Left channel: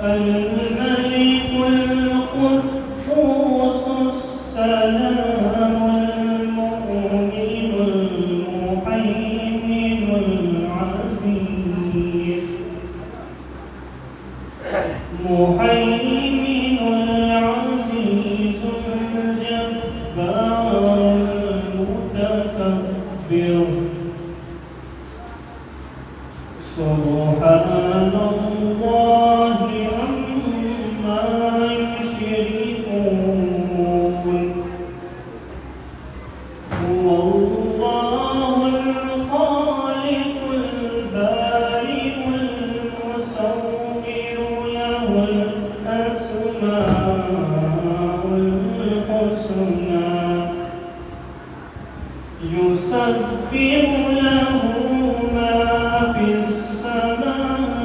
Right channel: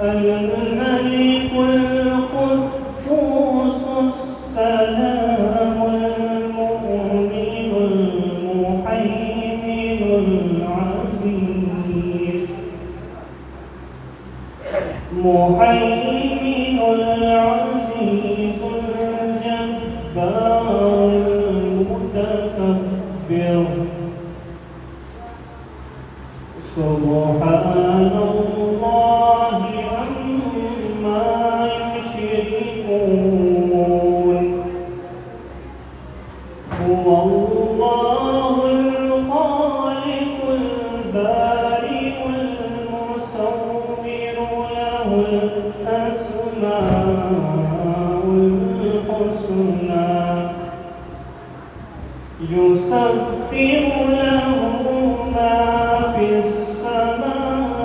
الملك القدوس السلام المؤمن المهيمن العزيز العزيز الجبار المتكبر سبحان الله عما يشركون هو الله الخالق البارئ المصور له الأسماء الحسنى يسبح له ما في السماوات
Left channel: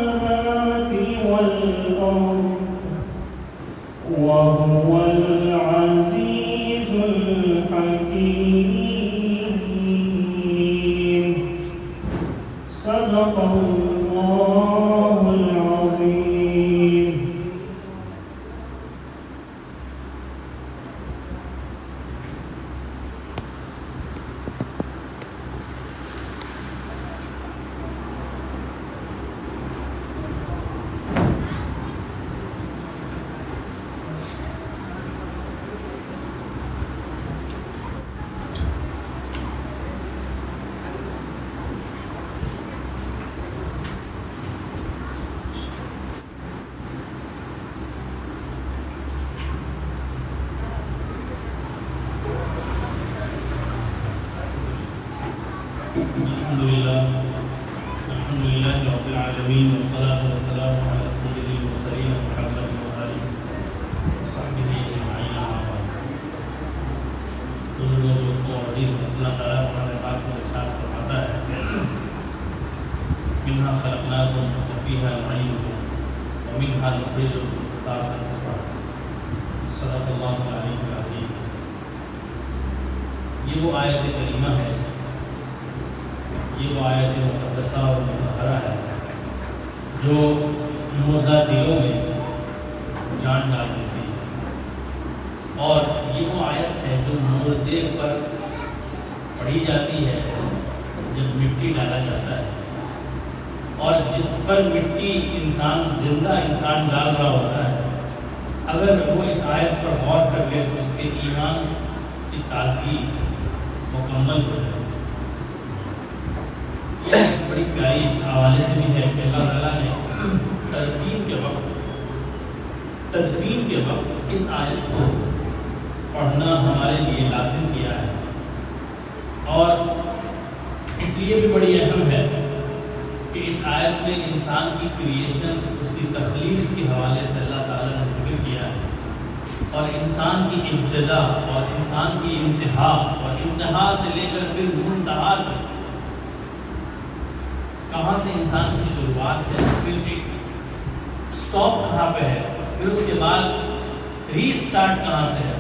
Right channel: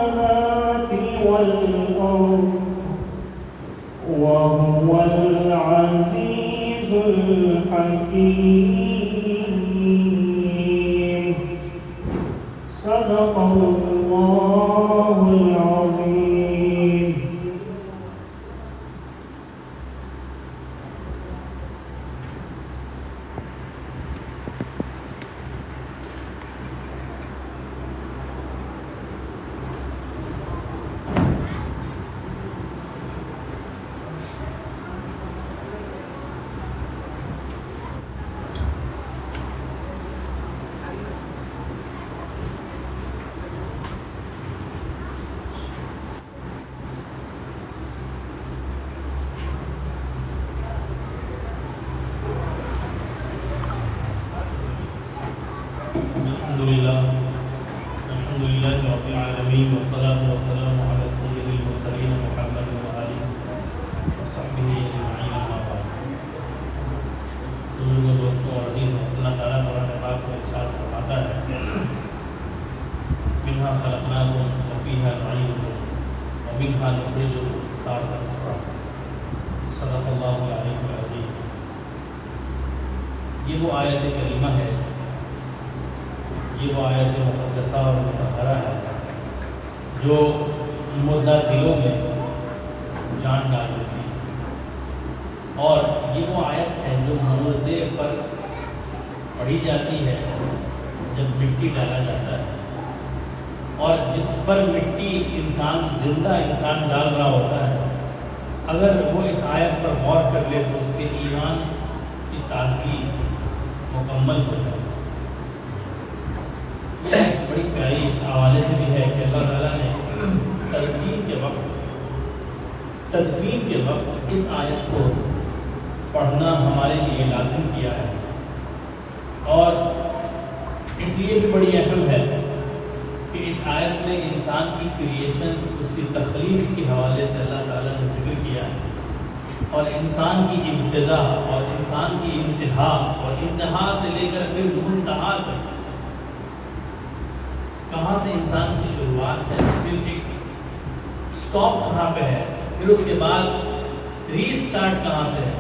والأرض وهو العزيز الحكيم صدق الله العظيم. الحمد لله رب العالمين والصلاة والسلام على سيد المرسلين محمد وآله وصحبه أجمعين أما بعد. دوستوں عزیز، اللہ تعالیٰ قرآن پاک میں ارشاد فرماتا ہے منها خلقناكم وفيها نعيدكم ومنها نخرجكم تارة أخرى. صدق اللہ العلی العظیم. یہ وہ آیت کریمہ ہے، یہ وہ آیت مقدسہ اور مطہرہ ہے جو مردہ دلوں میں جان ڈال دیتی ہے، اور یہ وہ آیت ہے جو مردے پر پڑھی جاتی ہے جب مٹی ڈالا جاتا ہے، اور جس پر مٹی انسان زندہ انسان ڈال رہا ہوتا ہے، اگر وہ اس آیت پر غور کر لے تو اس کے ایمان کی تازگی مکمل ہو جائے. یہ بڑی پیاری اس حوالے سے بھی ہے کہ اللہ تعالیٰ نے تدفین کے وقت اس آیت کو پڑھنا ہمارے لیے لازم کیا ہے، اور اس لیے بھی بڑی اہم ہے کہ اس آیت میں انسان کی کریشن، اس کی تخلیق کے حوالے سے اللہ تعالیٰ نے ذکر کیا ہے، اور انسان کی ابتدا اور انسان کی انتہا، اور انتہا سے لے کر پھر منتہا تک کہاں سے انسان کی شروعات ہے، پھر ایک سٹاپ کہاں پہ ہے، پھر اس کے بعد ری سٹارٹ کہاں سے ہے.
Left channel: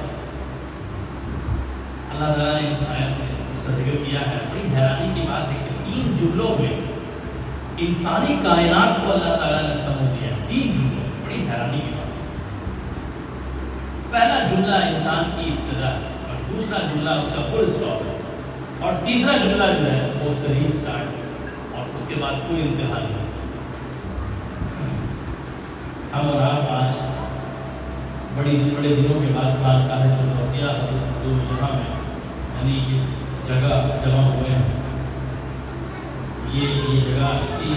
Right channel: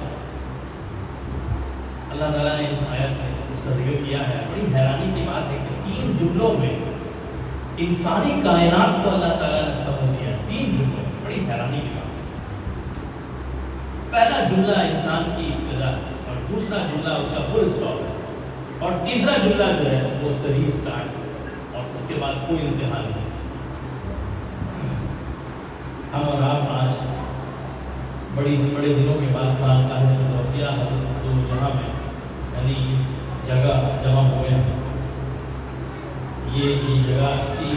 اللہ تعالیٰ نے اس آیت میں اس کا ذکر کیا ہے. بڑی حیرانی کی بات ہے کہ 3 جملوں میں انسانی کائنات کو اللہ تعالیٰ نے سمجھ دیا ہے. 3 جملوں، بڑی حیرانی کی بات ہے. پہلا جملہ انسان کی ابتدا، اور دوسرا جملہ اس کا فل سٹاپ ہے، اور تیسرا جملہ جو ہے وہ اس کا ری سٹارٹ ہے، اور اس کے بعد کوئی انتہا نہیں. ہم اور آپ آج بڑے دنوں کے بعد خانقاہ الوسیع حضرت جہاں میں یعنی اس جگہ جمع ہوئے ہیں. یہ جگہ اسی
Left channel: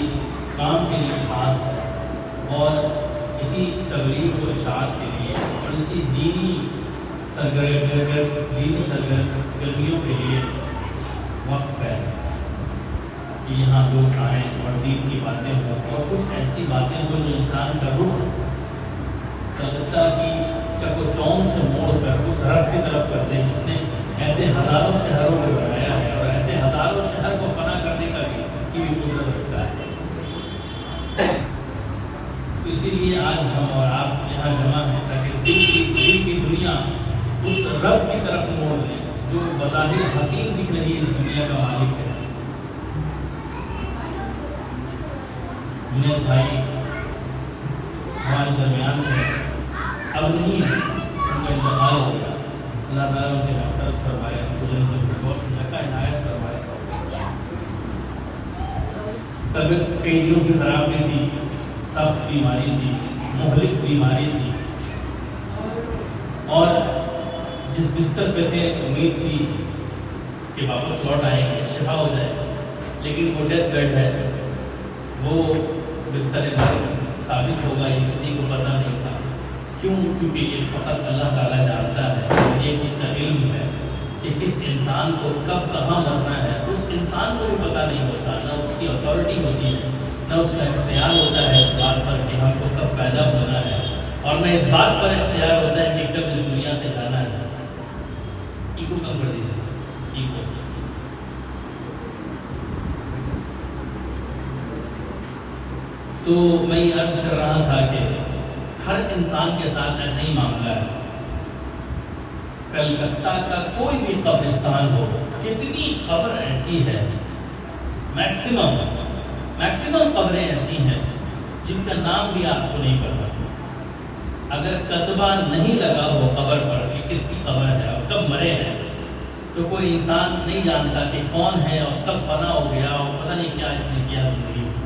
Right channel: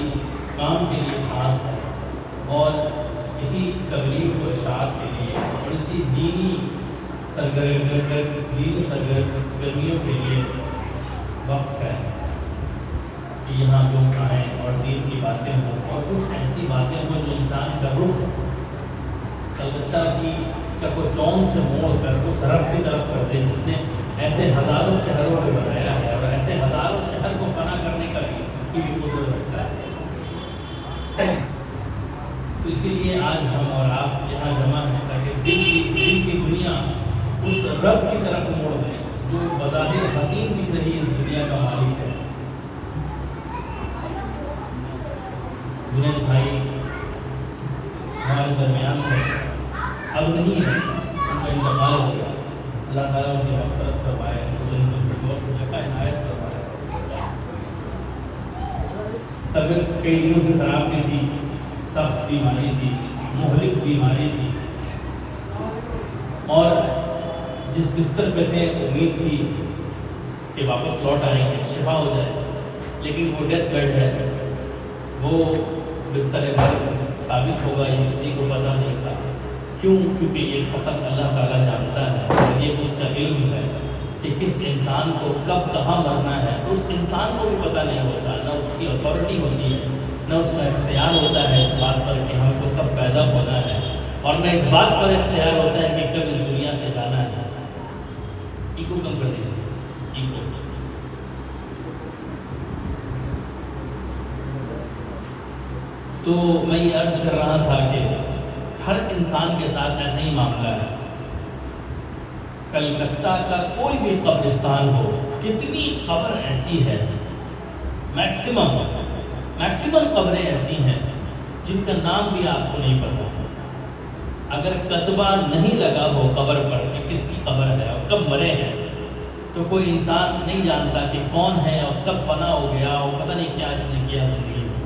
کام کے لیے خاص ہے، اور اسی تبلیغ و اشاعت کے لیے، اور اسی دینی سرگرمیوں کے لیے وقف ہے کہ یہاں لوگ آئیں اور دین کی باتیں ہوں، اور کچھ ایسی باتیں ہوں جو انسان کا رخ کلکتہ کی چک و چوم سے موڑ کر اس رب کی طرف کر دے جس نے ایسے ہزاروں شہروں کو بنایا ہے، اور ایسے ہزاروں شہر کو فنا کرنے کا بھی قدرت رکھتا ہے. تو اسی لیے آج ہم اور آپ یہاں جمع ہیں تاکہ دل کی دنیا اس رب کی طرف موڑ دیں جو بظاہر حسین دکھ رہی اس دنیا کا مالک ہے. جنید بھائی ہمارے درمیان ہے، اب نہیں ہے، ان کا انتقال ہو گیا۔ اللہ تعالیٰ ان کی مغفرت فرمائے، ان کو جنت الفردوس میں جگہ عنایت فرمائے۔ طبیعت کئی دنوں سے خراب بھی تھی، سخت بیماری تھی، مہلک بیماری تھی، اور جس بستر پہ تھے امید تھی کہ واپس لوٹ آئیں گے، شفا ہو جائے، لیکن وہ ڈیتھ بیڈ ہے، وہ بستر مرگ ثابت ہوگا، یہ کسی کو پتہ نہیں تھا۔ کیوں؟ کیونکہ یہ فقط اللہ تعالیٰ جانتا ہے، یہ اس کا علم ہے کہ کس انسان کو کب کہاں مرنا ہے۔ اس انسان کو بھی پتہ نہیں ہوتا، نہ اس کی اتھارٹی ہوتی ہے، نہ اس کا اختیار ہوتا ہے اس بات پر کہ ہم کو کب پیدا ہونا ہے، اور نہ اس بات پر اختیار ہوتا ہے کہ کب اس دنیا سے جانا ہے۔ ایگو کم کر دیجیے، ایگو۔ تو میں یہ عرض کر رہا تھا کہ ہر انسان کے ساتھ ایسا ہی معاملہ ہے۔ کلکتہ کا کوئی بھی قبرستان ہو، کتنی قبر ایسی ہے، میکسیمم قبریں ایسی ہیں جن کا نام بھی آپ کو نہیں پتا۔ اگر کتبہ نہیں لگا ہو قبر پر کہ کس کی قبر ہے اور کب مرے ہیں، تو کوئی انسان نہیں جانتا کہ کون ہے اور کب فنا ہو گیا اور پتہ نہیں کیا اس نے کیا زندگی میں۔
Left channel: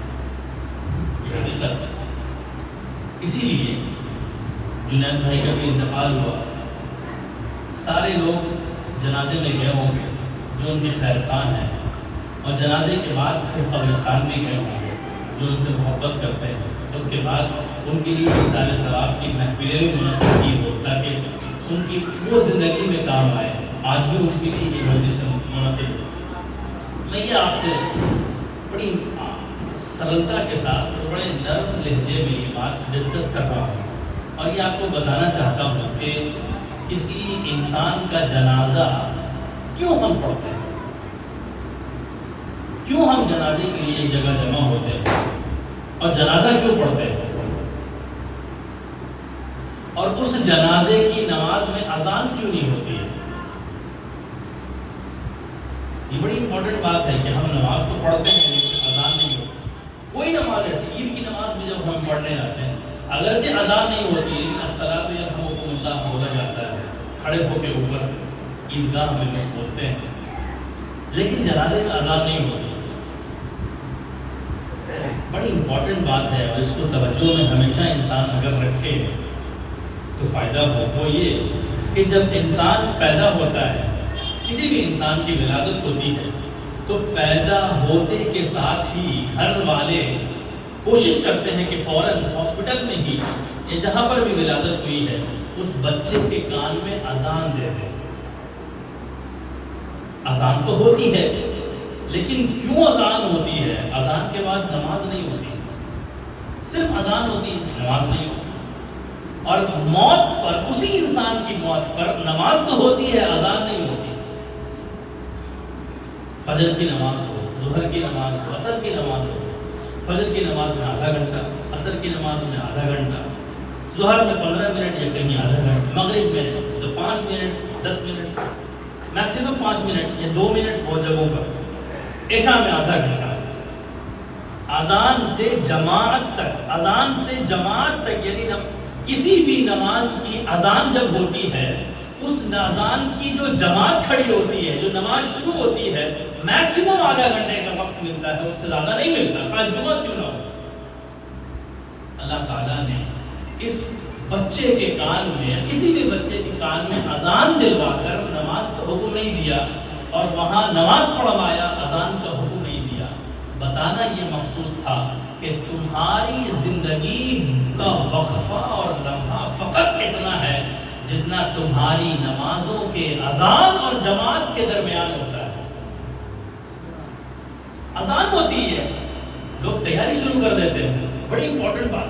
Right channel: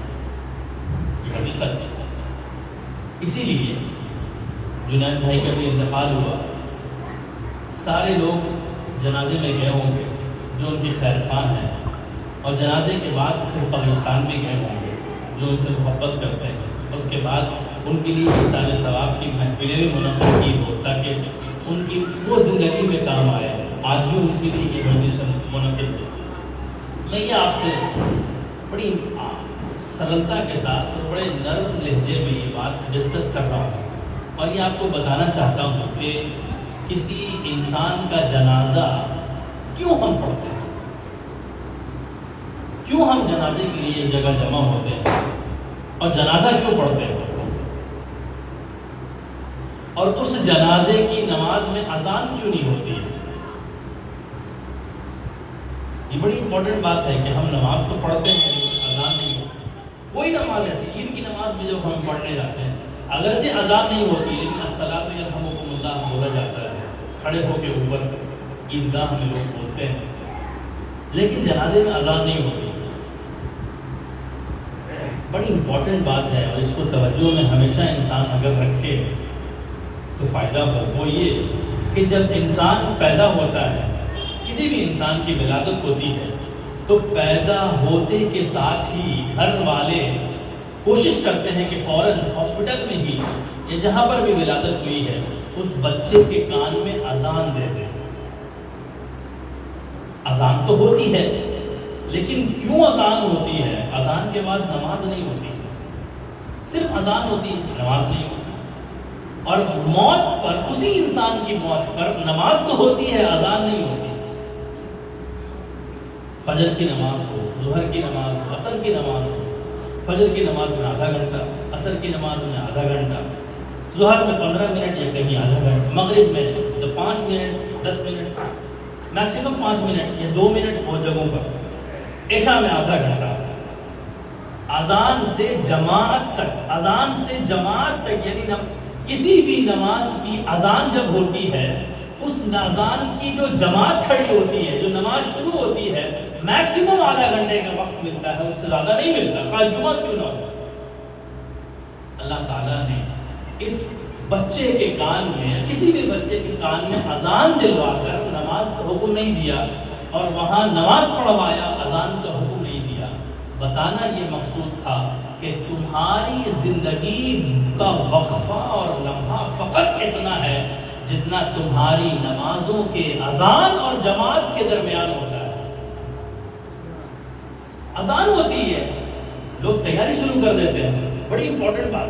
یہ حقیقت ہے۔ اسی لیے جنید بھائی کا بھی انتقال ہوا، سارے لوگ جنازے میں گئے ہوں گے جو ان کے خیر خواہ ہیں، اور جنازے کے بعد پھر قبرستان میں گئے ہوں گے جو ان سے محبت کرتے ہیں۔ اس کے بعد ان کے لیے اِرسال ثواب کی محفلیں بھی منعقد کی ہو تاکہ ان کی وہ زندگی میں کام آئے۔ آج بھی اس کے لیے یہ مجلس منعقد ہو۔ میں یہ آپ سے بڑی سرلتا کے ساتھ اور بڑے نرم لہجے میں یہ بات ڈسکس کر رہا ہوں، اور یہ آپ کو بتانا چاہتا ہوں کہ کسی انسان کا جنازہ کیوں ہم پڑھتے ہیں، کیوں ہم جنازے کے لیے ایک جگہ جمع ہوتے ہیں، اور جنازہ کیوں پڑھتے ہیں، اور اس جنازے کی نماز میں اذان کیوں نہیں ہوتی ہے۔ یہ بڑی امپورٹنٹ بات ہے کہ ہم نماز تو پڑھتے ہیں لیکن اذان نہیں ہوتی۔ کوئی نماز ایسی، عید کی نماز میں جب ہم پڑھنے جاتے ہیں اگرچہ اذان نہیں ہوتی ہے لیکن الصلاۃ یرحمکم اللہ بولا جاتا ہے، کھڑے ہو کے اوپر عیدگاہ میں لوگ بولتے ہیں، لیکن جنازے میں اذان نہیں ہوتی۔ بڑی امپورٹنٹ بات ہے، اور اس کو توجہ میں ہمیشہ انسان اگر رکھے تو فائدہ ہو یہ کہ جب انسان پیدا ہوتا ہے، کسی بھی انسان کی ولادت ہوتی ہے، تو پیدا ہوتے کے ساتھ ہی گھر والے کوشش کرتے ہیں کہ فوراً ہاسپٹل میں ہی یا جہاں پر بھی ولادت ہوئی ہے اس بچے کے کان میں اذان دے دیں۔ اذان تو ہوتی ہے لیکن کیوں اذان ہوتی ہے؟ اذان کے بعد نماز نہیں ہوتی، صرف اذان ہوتی ہے، نماز نہیں ہوتی۔ اور موت پر، اسی انسان کی موت پر نماز تو ہوتی ہے، اذان نہیں ہوتی۔ فجر کی نماز ہو، ظہر کی نماز ہو، عصر کی نماز ہو، فجر کی نماز میں آدھا گھنٹہ، عصر کی نماز میں آدھا گھنٹہ، ظہر میں 15 منٹ یا کہیں آدھا گھنٹہ، مغرب میں تو 5 منٹ 10 منٹ، میکسیمم 5 منٹ یا 2 منٹ بہت جگہوں پر، عشاء میں آدھا گھنٹہ۔ اذان سے جماعت تک، اذان سے جماعت تک، یعنی کسی بھی نماز کی اذان جب ہوتی ہے، اس اذان کی جو جماعت کھڑی ہوتی ہے، جو نماز شروع ہوتی ہے، میکسیمم آدھا گھنٹے کا وقت ملتا ہے، اس سے زیادہ نہیں ملتا، خاص جمعہ کیوں نہ ہو۔ اللہ تعالیٰ نے اس بچے کے کان میں، کسی بھی بچے کے کان میں اذان دلوا کر نماز کا حکم نہیں دیا، اور وہاں نماز پڑھوایا، اذان کا حکم نہیں دیا۔ بتانا یہ مقصود تھا کہ تمہاری زندگی کا وقفہ اور لمحہ فقط اتنا ہے جتنا تمہاری نمازوں کے اذان اور جماعت کے درمیان ہوتا ہے۔ اذان ہوتی ہے، لوگ تیاری شروع کر دیتے ہیں، بڑی امپورٹنٹ بات۔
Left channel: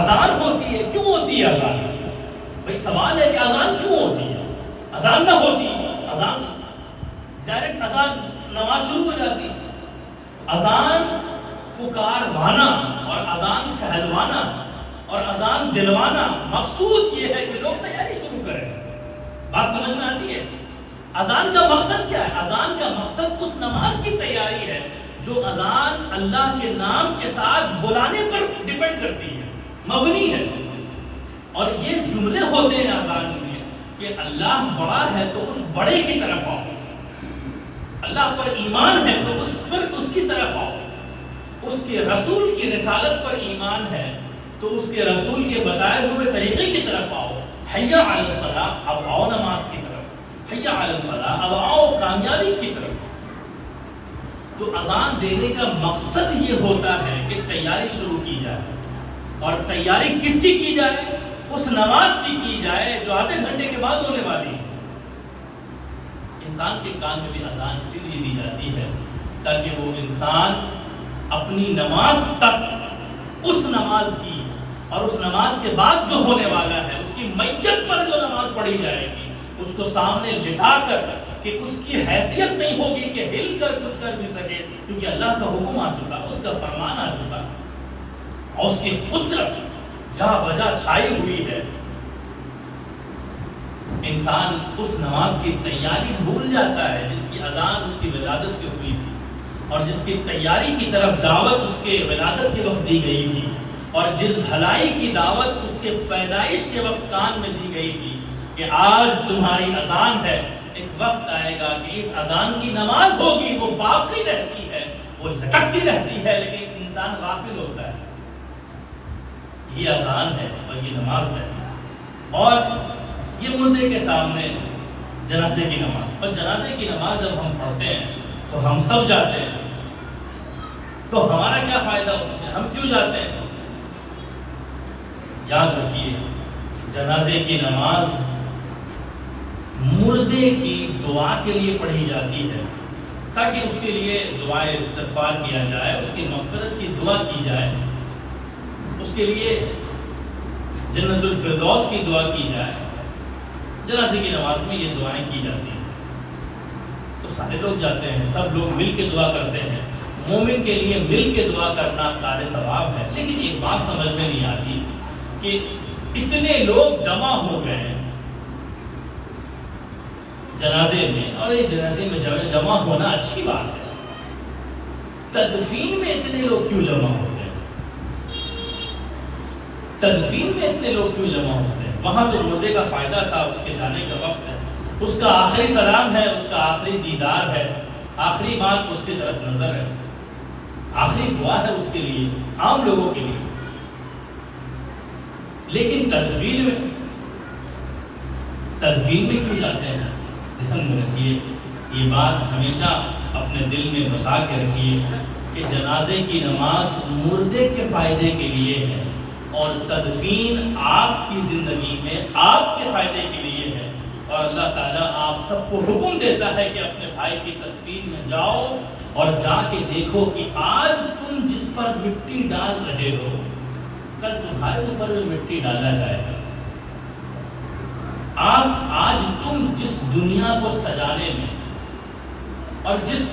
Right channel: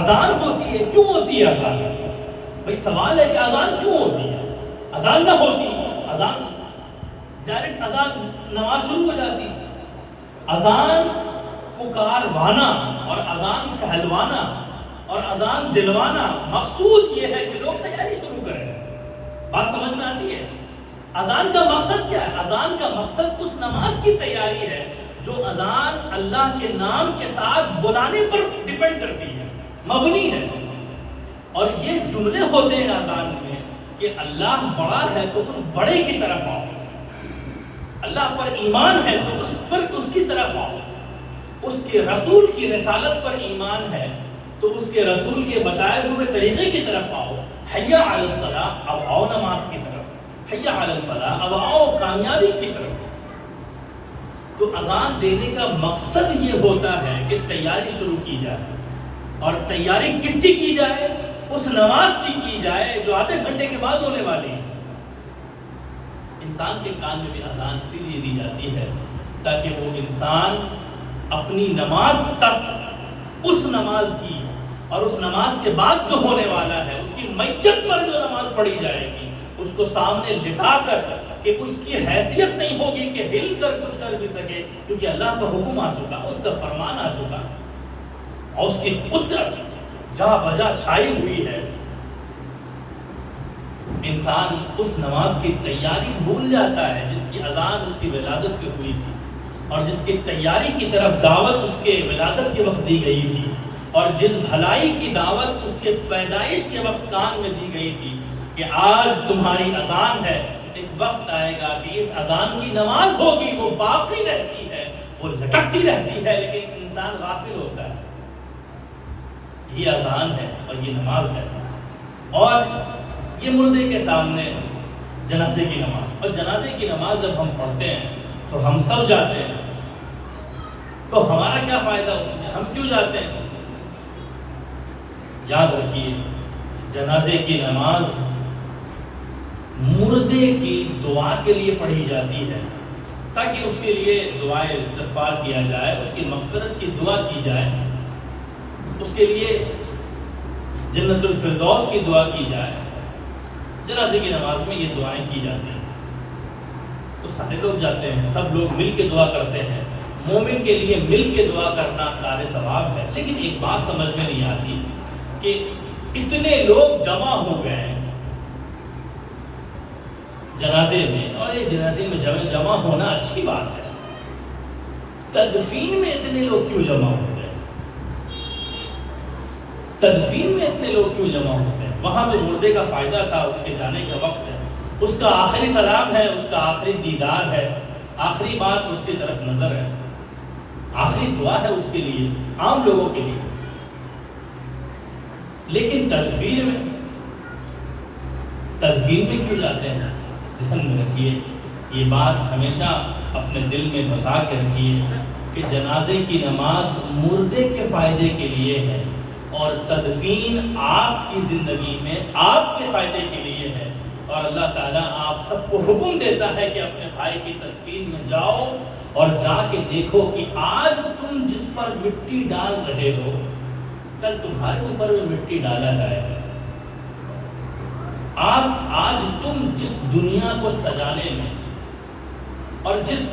اذان ہوتی ہے، کیوں ہوتی ہے اذان؟ بھائی سوال ہے کہ اذان کیوں ہوتی ہے؟ اذان نہ ہوتی، اذان ڈائریکٹ اذان نماز شروع ہو جاتی۔ اذان پکاروانا اور اذان کہلوانا اور اذان دلوانا، مقصود یہ ہے کہ لوگ تیاری شروع کریں۔ بات سمجھ میں آتی ہے؟ اذان کا مقصد کیا ہے؟ اذان کا مقصد اس نماز کی تیاری ہے جو اذان اللہ کے نام کے ساتھ بلانے پر ڈیپینڈ کرتی ہے۔ مبنی ہے. اور یہ جملے ہوتے ہیں اذان میں کہ اللہ بڑا ہے تو اس بڑے کی طرف آؤ، اللہ پر ایمان ہے تو اس کی طرف آؤ، اس کے رسول کی رسالت پر ایمان ہے تو اس کے رسول کے بتائے ہوئے طریقے کی طرف آؤ. حیا علی الصلاۃ، اب آؤ نماز کی طرف. حیا علی الفلاح، اب آؤ کامیابی کی طرف. تو اذان دینے کا مقصد یہ ہوتا ہے کہ تیاری شروع کی جائے. اور تیاری کس کی کی جائے؟ اس نماز کی جائے جو آدھے گھنٹے کے بعد ہونے والی ہے. انسان کے کان میں بھی اذان اسی لیے دی جاتی ہے تاکہ وہ انسان اپنی نماز تک اس نماز کی اور اس نماز کے بعد جو ہونے والا ہے اس کی میت پر جو نماز پڑھی جائے گی اس کو سامنے لٹا کر کہ اس کی حیثیت نہیں ہوگی کہ ہل کر کچھ کر بھی سکے، کیونکہ اللہ کا حکم آ چکا، اس کا فرمان آ چکا اور اس کی قدرت جا بجا چھائی ہوئی ہے. انسان اس نماز کی تیاری بھول جاتا ہے جس کی اذان اس کی ولادت پہ ہوئی تھی اور جس کی تیاری کی طرف دعوت اس کے ولادت کے وقت دی گئی تھی اور جس بھلائی کی دعوت اس کے پیدائش کے وقت کان میں دی گئی تھی کہ آج تمہاری اذان ہے. ایک وقت آئے گا کہ اس اذان کی نماز ہوگی، وہ باقی رہتی ہے، وہ لٹکتی رہتی ہے، لیکن انسان غافل ہوتا ہے. یہ اذان ہے اور یہ نماز ہے. اور یہ مردے کے سامنے جنازے کی نماز، اور جنازے کی نماز جب ہم پڑھتے ہیں تو ہم سب جاتے ہیں، تو ہمارا کیا فائدہ ہوتا ہے؟ ہم کیوں جاتے ہیں؟ یاد رکھیے جنازے کی نماز مردے کی دعا کے لیے پڑھی جاتی ہے تاکہ اس کے لیے دعائے استغفار کیا جائے، اس کی مغفرت کی دعا کی جائے، اس کے لیے جنت الفردوس کی دعا کی جائے. جنازے کی نماز میں یہ دعائیں کی جاتی ہیں. تو سارے لوگ جاتے ہیں، سب لوگ مل کے دعا کرتے ہیں. مومن کے لیے مل کے دعا کرنا کار ثواب ہے. لیکن ایک بات سمجھ میں نہیں آتی کہ اتنے لوگ جمع ہو گئے ہیں جنازے میں، اور یہ جنازے میں جمع ہونا اچھی بات ہے، تدفین میں اتنے لوگ کیوں جمع ہوتے ہیں؟ تدفین میں اتنے لوگ کیوں جمع ہوتے ہیں؟ وہاں تو مردے کا فائدہ تھا، اس کے جانے کا وقت ہے، اس کا آخری سلام ہے، اس کا آخری دیدار ہے، آخری بات اس کی طرف نظر ہے، آخری دعا ہے اس کے لیے، عام لوگوں کے لیے. لیکن تدفین میں کیوں جاتے ہیں؟ ذہن میں رکھیے، یہ بات ہمیشہ اپنے دل میں بسا کے رکھیے کہ جنازے کی نماز مردے کے فائدے کے لیے ہے اور تدفین آپ کی زندگی میں آپ کے فائدے کے لیے ہے. اور اللہ تعالیٰ آپ سب کو حکم دیتا ہے کہ اپنے بھائی کی تدفین میں جاؤ اور جا کے دیکھو کہ آج تم جس پر مٹی ڈال رہے ہو کل تمہارے اوپر بھی مٹی ڈالا جائے گا. آج تم جس دنیا کو سجانے میں اور جس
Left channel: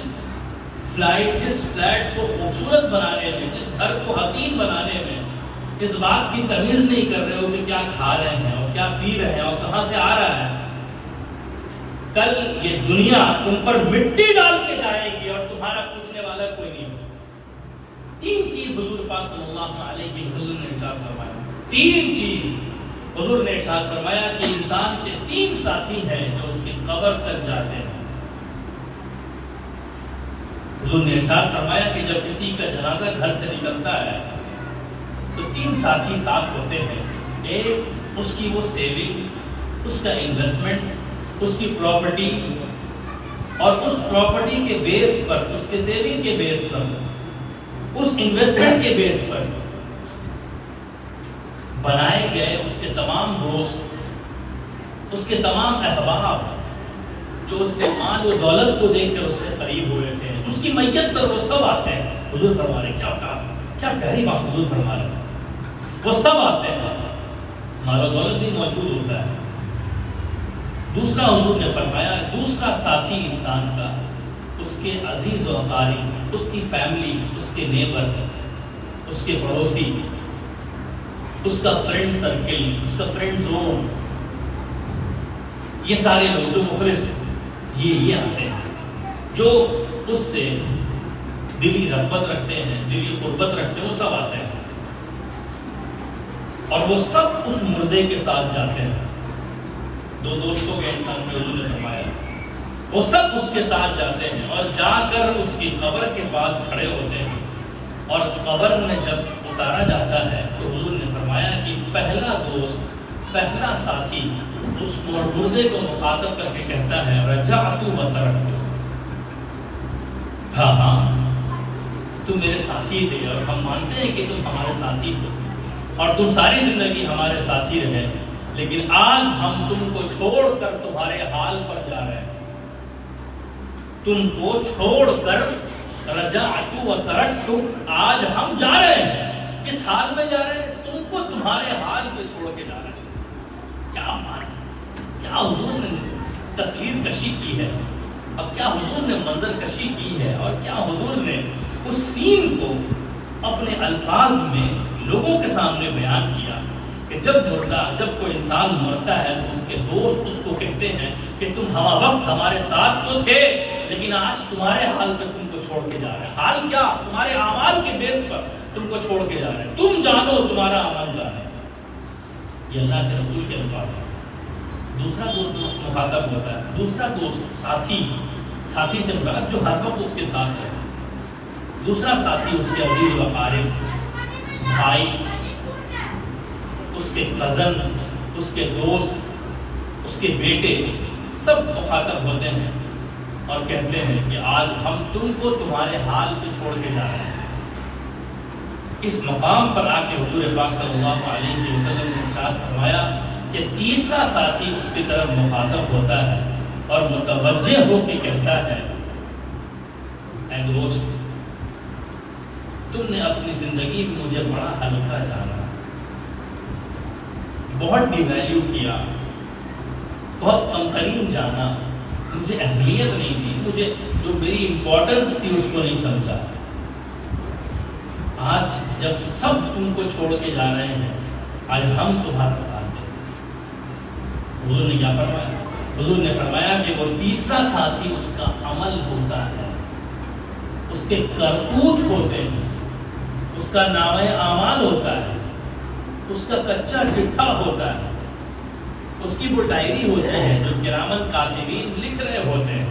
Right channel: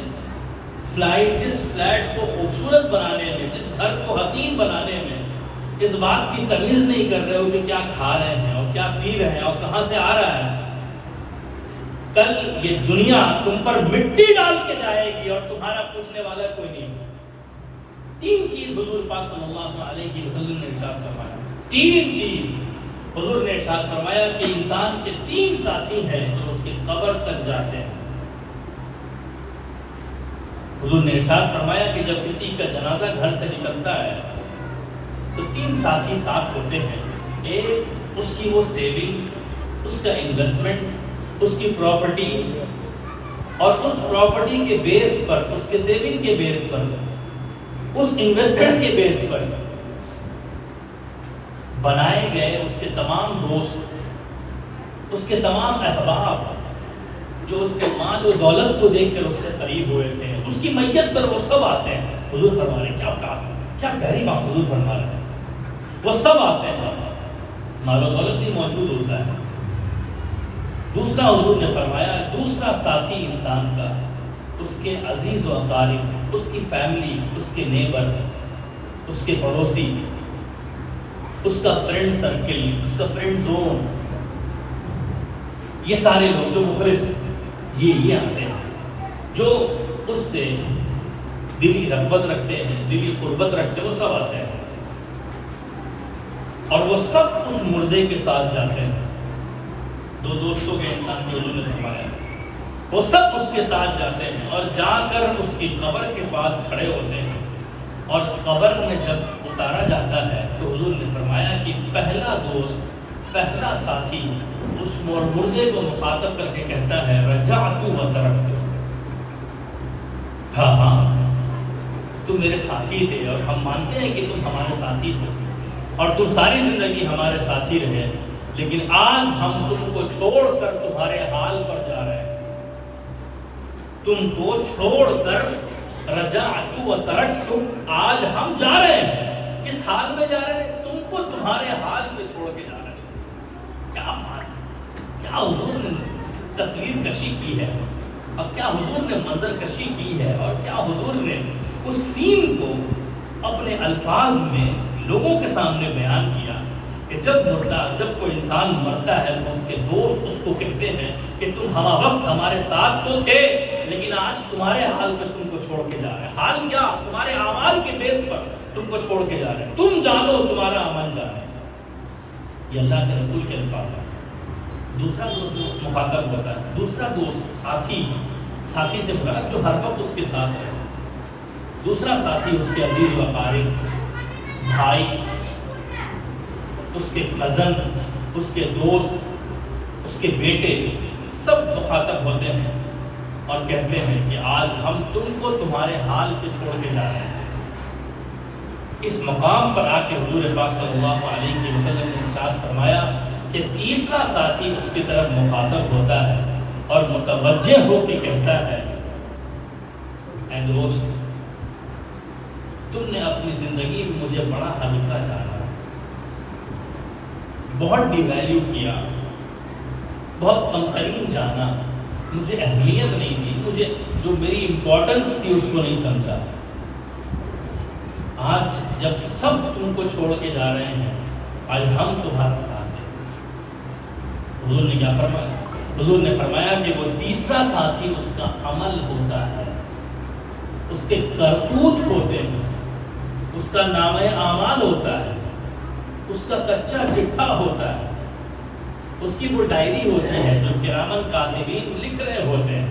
فلیٹ کو خوبصورت بنانے میں، جس گھر کو حسین بنانے میں اس بات کی تمیز نہیں کر رہے ہو کہ کیا کھا رہے ہیں اور کیا پی رہے ہیں اور کہاں سے آ رہا ہے، کل یہ دنیا تم پر مٹی ڈال کے جائے گی اور تمہارا پوچھنے والا کوئی نہیں ہوگا. 3 چیز حضور پاک صلی اللہ علیہ وسلم نے ارشاد فرمایا. 3 چیز حضور نے ارشاد فرمایا کہ انسان کے 3 ساتھی ہیں جو اس کی قبر تک جاتے ہیں. حضور نے ارشاد فرمایا کہ جب کسی کا جنازہ گھر سے نکلتا ہے تو 3 ساتھی ساتھ ہوتے ہیں. ایک اس کی وہ سیونگ، اس کا انویسٹمنٹ، اس کی پراپرٹی، اور اس پراپرٹی کے بیس پر، اس کے سیونگ کے بیس پر، اس انویسٹمنٹ کے بیس پر بنائے گئے اس کے تمام دوست، اس کے تمام احباب جو اس کے مال و دولت کو دیکھ کر اس سے قریب ہوئے تھے، اس کی میت پر وہ سب آتے ہیں. حضور فرما رہے کیا گہری بات حضور فرما رہے ہیں، وہ سب آتے ہیں، مال و دولت بھی موجود ہوتا ہے. دوسرا حضور نے فرمایا دوسرا ساتھی انسان کا اس کے عزیز و اقارب، اس کی فیملی، اس کے نیبر، اس کے پڑوسی، اس کا فرینڈ سرکل، اس کا فرینڈ زون، یہ سارے لوگ جو مخلص یہ آتے ہیں، جو اس سے دلی رغبت رکھتے ہیں، دلی قربت رکھتے ہیں، وہ سب آتے ہیں. اور وہ سب اس مردے کے ساتھ جاتے ہیں. دو دوستوں کے انسان کے حضور نے فرمایا وہ سب اس کے ساتھ جاتے ہیں اور جا کر اس کی قبر کے پاس کھڑے ہوتے ہیں. اور قبر میں جب اتارا جاتا ہے تو حضور نے فرمایا کہ پہلا دوست، پہلا ساتھی اس مردے کو مخاطب کر کے کہتا ہے رجعت و ترکت. ہاں تم میرے ساتھی تھے اور ہم مانتے ہیں کہ تم ہمارے ساتھی تھے اور تم ساری زندگی ہمارے ساتھی رہے، لیکن آج ہم تم کو چھوڑ کر تمہارے حال پر جا رہے ہیں. تم کو چھوڑ کر رجعت و ترکت، آج ہم جا رہے ہیں. کس حال میں جا رہے ہیں؟ تم کو تمہارے حال پہ چھوڑ کے جا رہے ہیں. کیا مان، کیا حضور نے تصویر کشی کی ہے، اب کیا حضور نے منظر کشی کی ہے، اور کیا حضور نے اس سین کو اپنے الفاظ میں لوگوں کے سامنے بیان کیا کہ جب کوئی انسان مرتا ہے تو اس کے دوست اس کو کہتے ہیں کہ تم ہمہ وقت ہمارے ساتھ تو تھے، لیکن آج تمہارے حال پہ تم کو چھوڑ کے جا رہے ہیں. حال کیا؟ تمہارے اعمال کے بیس پر تم کو چھوڑ کے جا رہے ہیں. تم جانو تمہارا عمل جانے. یہ اللہ کے رسول کے الفاظ ہیں. دوسرا دوست مخاطب ہوتا ہے، دوسرا دوست ساتھی سے مراد جو ہر وقت اس کے ساتھ ہے. دوسرا ساتھی اس کے عزیز و اقارب، بھائی، اس کے کزن، اس کے دوست، اس کے بیٹے، سب مخاطب ہوتے ہیں اور کہتے ہیں کہ آج ہم تم کو تمہارے حال سے چھوڑ کے جا رہے ہیں. اس مقام پر آ کے حضور پاک صلی اللہ علیہ وسلم نے ارشاد فرمایا کہ تیسرا ساتھی اس کی طرف مخاطب ہوتا ہے اور متوجہ ہو کے کہتا ہے اے دوست، تم نے اپنی زندگی میں مجھے بڑا ہلکا جانا، بہت ڈی ویلیو کیا، بہت کمترین جانا، مجھے اہمیت نہیں دی، مجھے جو میری امپورٹنس تھی اس کو نہیں سمجھا. آج جب سب تم کو چھوڑ کے جا رہے ہیں، آج ہم تمہارے ساتھ ہیں. حضور نے کیا فرمایا؟ حضور نے فرمایا کہ وہ تیسرا ساتھی اس کا عمل ہوتا ہے، اس کے کرتوت ہوتے ہیں، اس کا نامہ اعمال ہوتا ہے، اس کا کچا چٹھا ہوتا ہے، اس کی وہ ڈائری ہوتی ہے جو کرامن کاتبین لکھ رہے ہوتے ہیں.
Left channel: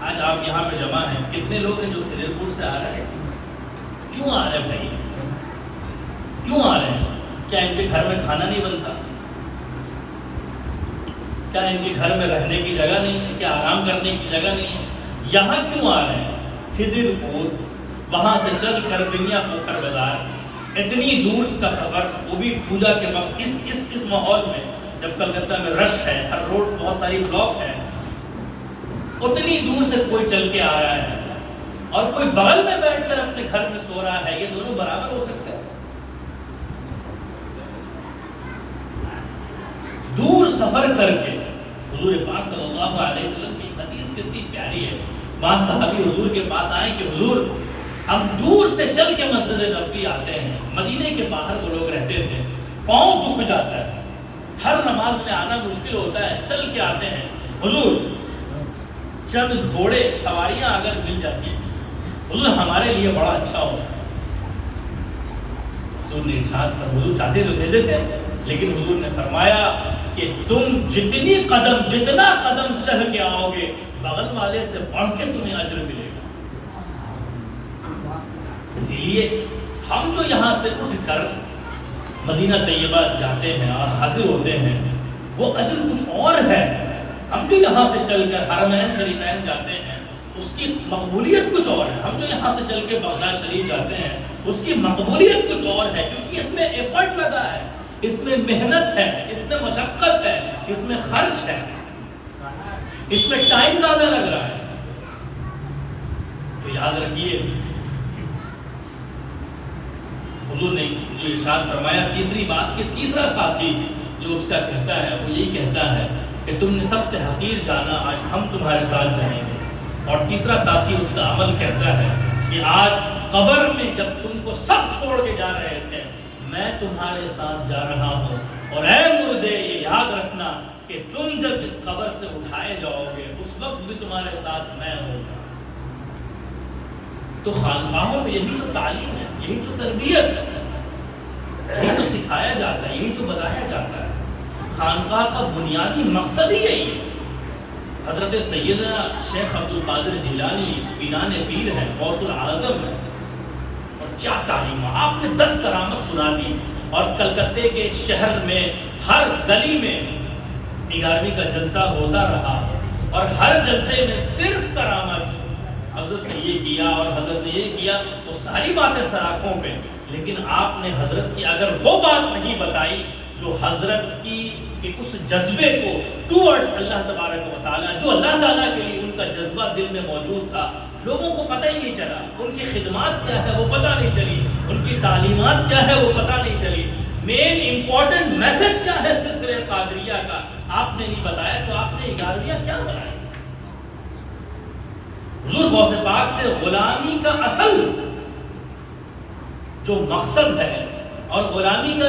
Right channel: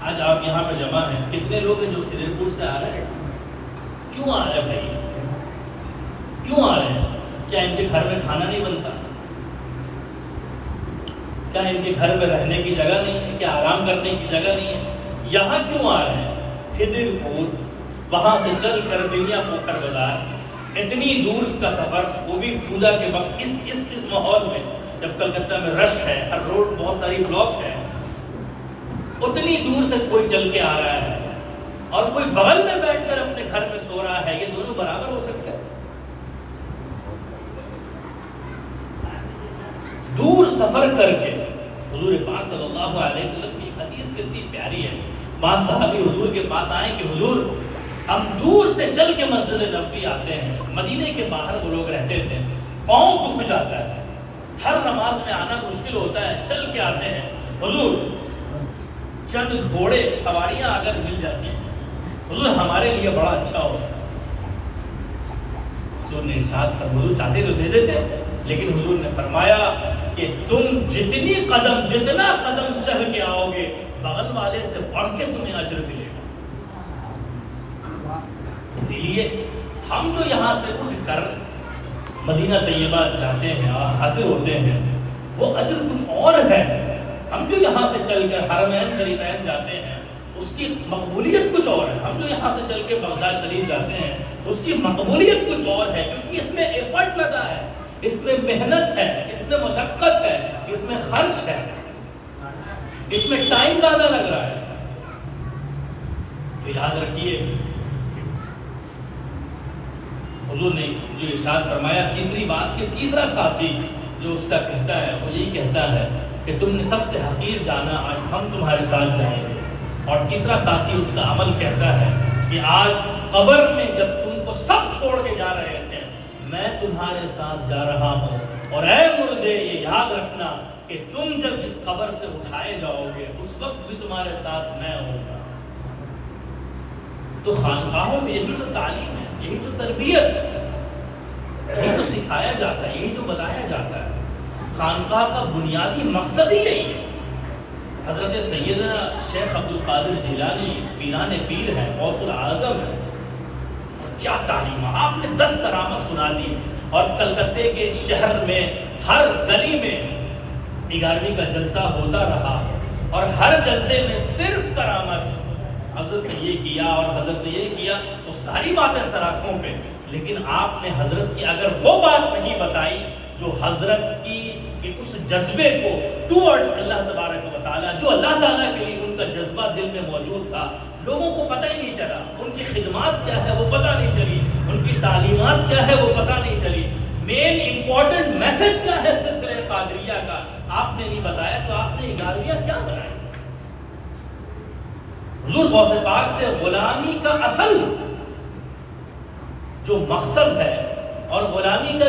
آج آپ یہاں پہ جمع ہیں، کتنے لوگ ہیں جو خدر پور سے آ رہے ہیں؟ کیوں آ رہے ہیں بھائی؟ کیوں آ رہے ہیں؟ کیا ان کے گھر میں کھانا نہیں بنتا؟ کیا ان کے گھر میں رہنے کی جگہ نہیں ہے؟ کیا آرام کرنے کی جگہ نہیں ہے؟ یہاں کیوں آ رہے ہیں؟ خدر پور، وہاں سے چل کر بنیا پوکھر بازار، اتنی دور کا سفر، وہ بھی پوجا کے وقت، اس ماحول میں جب کلکتہ میں رش ہے، ہر روڈ بہت ساری بلاک ہے، اتنی دور سے کوئی چل کے آ رہا ہے اور کوئی بغل میں بیٹھ کر اپنے گھر میں سو رہا ہے. یہ دونوں برابر ہو سکتے ہیں؟ دور سفر کر کے حضور پاک صلی اللہ علیہ وسلم کی حدیث کتنی پیاری ہے. بعض صحابی حضور کے پاس آئے کہ حضور ہم دور سے چل کے مسجد نبوی آتے ہیں، مدینے کے باہر وہ لوگ رہتے تھے، پاؤں دکھ جاتا ہے، ہر نماز میں آنا مشکل ہوتا ہے، چل کے آتے ہیں. حضور چند گھوڑے سواریاں اگر مل جاتی ہیں حضور ہمارے لیے بڑا اچھا ہوتا ہے. حضور نے ارشاد فرمایا، حضور چاہتے تو دے دیتے، لیکن حضور نے فرمایا کہ تم جتنا قدم چل کے آؤ گے، بغل والے سے بڑھ کے تمہیں اجر ملے گا. اسی لیے ہم جو یہاں سے اٹھ کر مدینہ طیبہ جاتے ہیں اور حاضر ہوتے ہیں، وہ اجر کچھ اور ہے. ہم جو یہاں سے چل کر حرمین شریفین جاتے ہیں، اس کی مقبولیت کچھ اور ہے. ہم جو یہاں سے چل کے بغداد شریف جاتے ہیں، اس کی مقبولیت کچھ اور ہے، کیونکہ اس میں ایفرٹ لگا ہے، اس میں محنت ہے، اس میں مشقت ہے، اس میں خرچ ہے، اس میں ٹائم زیادہ لگ رہا ہے. تو یاد رکھیے حضور نے جو ارشاد فرمایا تیسری بات کہ تیسرا ساتھی جو اس کا کہتا ہے وہ یہی کہتا ہے کہ تم نے سب سے حقیر جانا، آج ہم تمہارے ساتھ جائیں گے. اور تیسرا ساتھی اس کا عمل کہتا ہے کہ آج قبر میں جب تم کو سب چھوڑ کے جا رہے ہیں، میں تمہارے ساتھ جا رہا ہوں، اور اے مردے یہ یاد رکھنا کہ تم جب اس قبر سے اٹھائے جاؤ گے اس وقت بھی تمہارے ساتھ میں ہوں گا. تو خانقاہوں میں یہی تو تعلیم ہے، یہی تو تربیت ہے، یہی تو سکھایا جاتا ہے، یہی تو بتایا جاتا ہے۔ خانقاہ کا بنیادی مقصد ہی یہی ہے۔ حضرت سیدنا شیخ عبد القادر جیلانی پینان پیر ہے، غوث العظم ہے، اور کیا تعلیم! آپ نے 10 کرامت سنا دی، اور کلکتے کے شہر میں ہر گلی میں 11ویں کا جلسہ ہوتا رہا، اور ہر جلسے میں صرف کرامت، حضرت نے یہ کیا اور حضرت نے یہ کیا، وہ ساری باتیں سراخوں پہ، لیکن آپ نے حضرت کی اگر وہ بات نہیں بتائی جو حضرت کی اس جذبے کو ٹورڈز اللہ تبارک و تعالیٰ، جو اللہ تعالیٰ کے لیے ان کا جذبہ دل میں موجود تھا، لوگوں کو پتہ ہی نہیں چلا، ان کی خدمات کیا ہے وہ پتہ نہیں چلی، ان کی تعلیمات کیا ہے وہ پتہ نہیں چلی، مین امپورٹنٹ میسج کیا ہے سلسلہ قادریہ کا آپ نے نہیں بتایا، تو آپ نے 11ویں کیا بنایا؟ حضور غوث پاک سے غلامی کا اصل جو مقصد ہے اور غلامی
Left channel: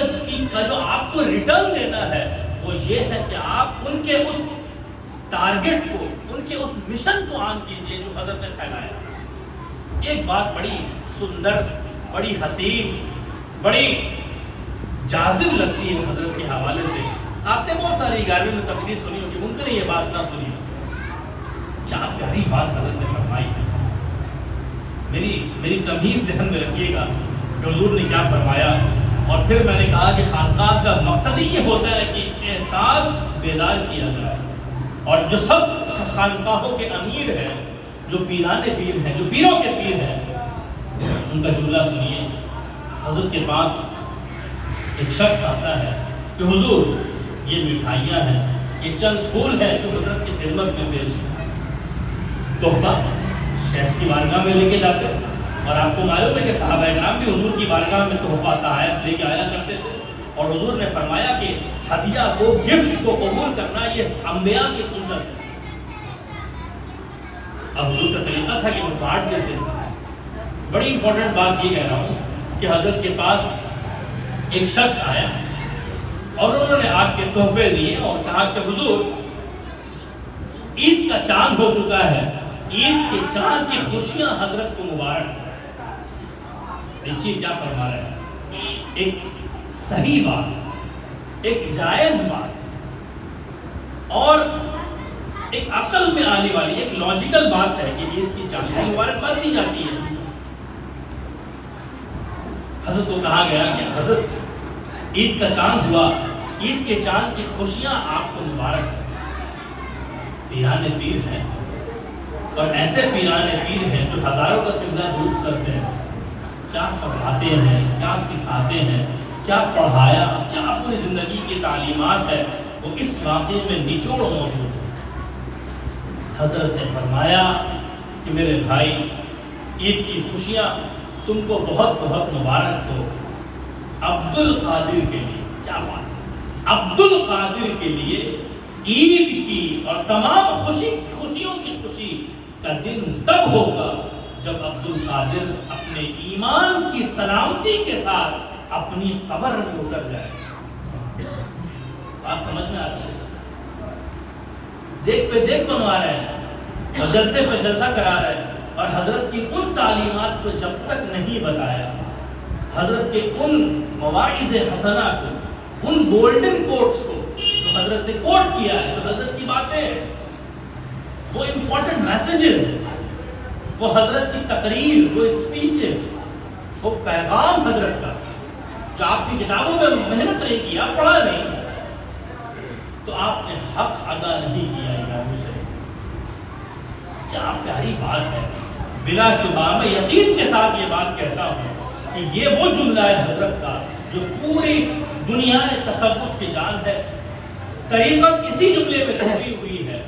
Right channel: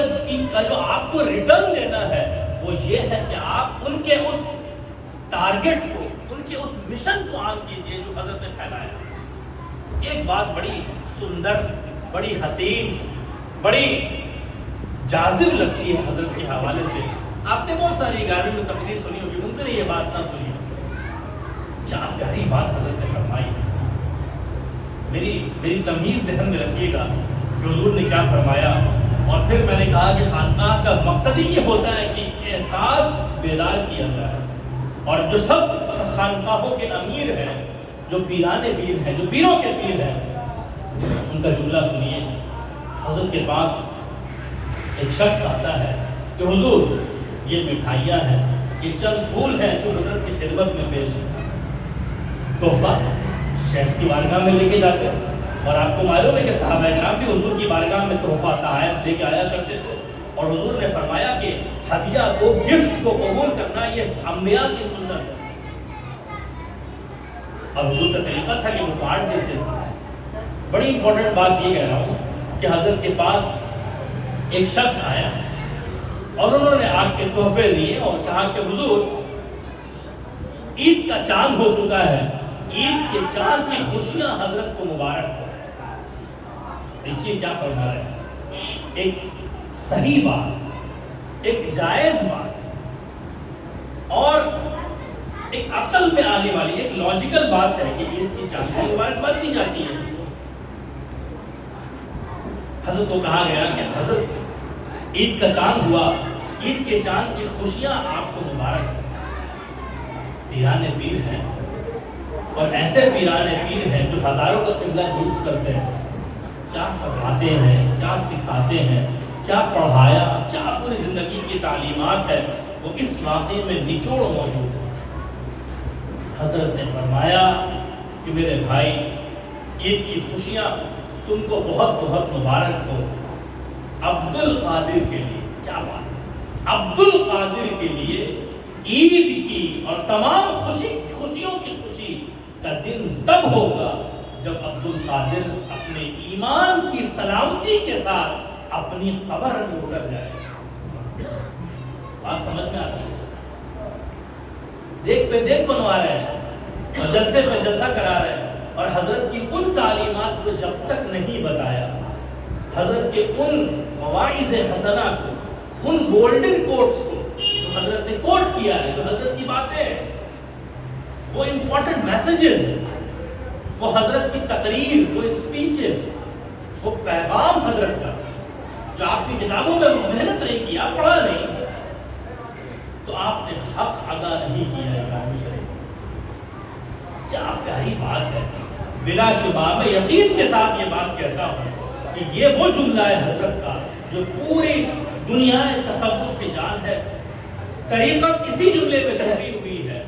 کا جو آپ کو ریٹرن دینا ہے، وہ یہ ہے کہ آپ ان کے اس ٹارگٹ کو، ان کے اس مشن کو عام کیجئے جو حضرت نے پھیلایا۔ ایک بات بڑی سندر، بڑی حسین، بڑی جاذب لگتی ہے حضرت کے حوالے سے۔ آپ نے بہت ساری 11ویں میں تقریر سنی ہوگی، ممکن ہے یہ بات نہ سنی ہو، کیا پیاری بات حضرت نے فرمائی ہے۔ میری تمیز ذہن میں رکھیے گا کہ حضور نے کیا فرمایا، اور پھر میں نے کہا کہ خانقاہ کا مقصد ہی یہ ہوتا ہے کہ احساس بیدار کیا جائے، اور جو سب خانقاہوں کے امیر ہیں، جو پیران پیر ہیں، جو پیروں کے پیر ہیں، ان کا جملہ سنیے۔ حضرت کے پاس ایک شخص آتا ہے کہ حضور یہ مٹھائیاں ہیں، یہ چند پھول ہیں جو حضرت کی خدمت میں پیش ہیں، تحفہ شیخ کی بارگاہ میں لے کے جاتے ہیں، اور آپ کو معلوم ہے کہ صحابہ کرام بھی حضور کی بارگاہ میں تحفہ تحائف لے کے آیا کرتے تھے، اور حضور نے فرمایا کہ ہدیہ کو، گفٹ کو قبول کرنا یہ انبیاء کی سنت ہے۔ اب حضور کا طریقہ تھا کہ وہ بانٹ دیتے تھے۔ بڑی امپورٹنٹ بات یہ کہہ رہا ہوں کہ حضرت کے پاس ایک شخص آیا اور انہوں نے آ کے تحفے دیے اور کہا کہ حضور عید کا چاند ہو چکا ہے، عید کے چاند کی خوشیاں حضرت کو مبارک ہو۔ دیکھیے کیا فرما رہے ہیں، ایک صحیح بات، ایک جائز بات، اور ایک عقل میں آنے والی ایک لاجیکل بات ہے کہ عید کی چاند کی مبارکباد دی جاتی ہے۔ حضرت کو کہا گیا کہ حضرت عید کا چاند ہوا، عید کے چاند کی خوشیاں آپ کو مبارک۔ پیران پیر ہیں، اور ایسے پیران پیر ہیں جو ہزاروں کا قبلہ یوز کرتے ہیں، کیا فرماتے ہیں، کیا سکھاتے ہیں، کیا پڑھایا، کیا پوری زندگی کی تعلیمات ہے، وہ اس واقعے میں نچوڑ موجود ہے۔ حضرت نے فرمایا کہ میرے بھائی، عید کی خوشیاں تم کو بہت بہت مبارک ہو۔ عبد القادر کے لیے، کیا بات ہے، عبد القادر کے لیے عید کی اور تمام خوشیوں کی خوشی کا دن تب ہوگا جب عبد القادر اپنے ایمان کی سلامتی کے ساتھ اپنی قبر میں اتر جائے۔ بات سمجھ میں آتی ہے؟ دیکھ پہ دیکھ بنوا رہے ہیں اور جلسے پہ جلسہ کرا رہے ہیں، اور حضرت کی ان تعلیمات کو جب تک نہیں بتایا، حضرت کے ان مواعظ حسنہ کو، ان گولڈن کوٹس کو جو حضرت نے کوٹ کیا ہے، جو حضرت کی باتیں، وہ امپورٹنٹ میسیجز، وہ حضرت کی تقریر، وہ اسپیچز، وہ پیغام حضرت کا جو آپ کی کتابوں میں محنت نہیں کیا، پڑھا نہیں، تو آپ نے حق ادا نہیں کیا امام حسین۔ کیا پیاری بات ہے، بلا شبہ میں یقین کے ساتھ یہ بات کہتا ہوں کہ یہ وہ جملہ ہے حضرت کا جو پوری دنیا تصوف کی جان ہے۔ طریقت اسی جملے میں چھپی ہوئی ہے،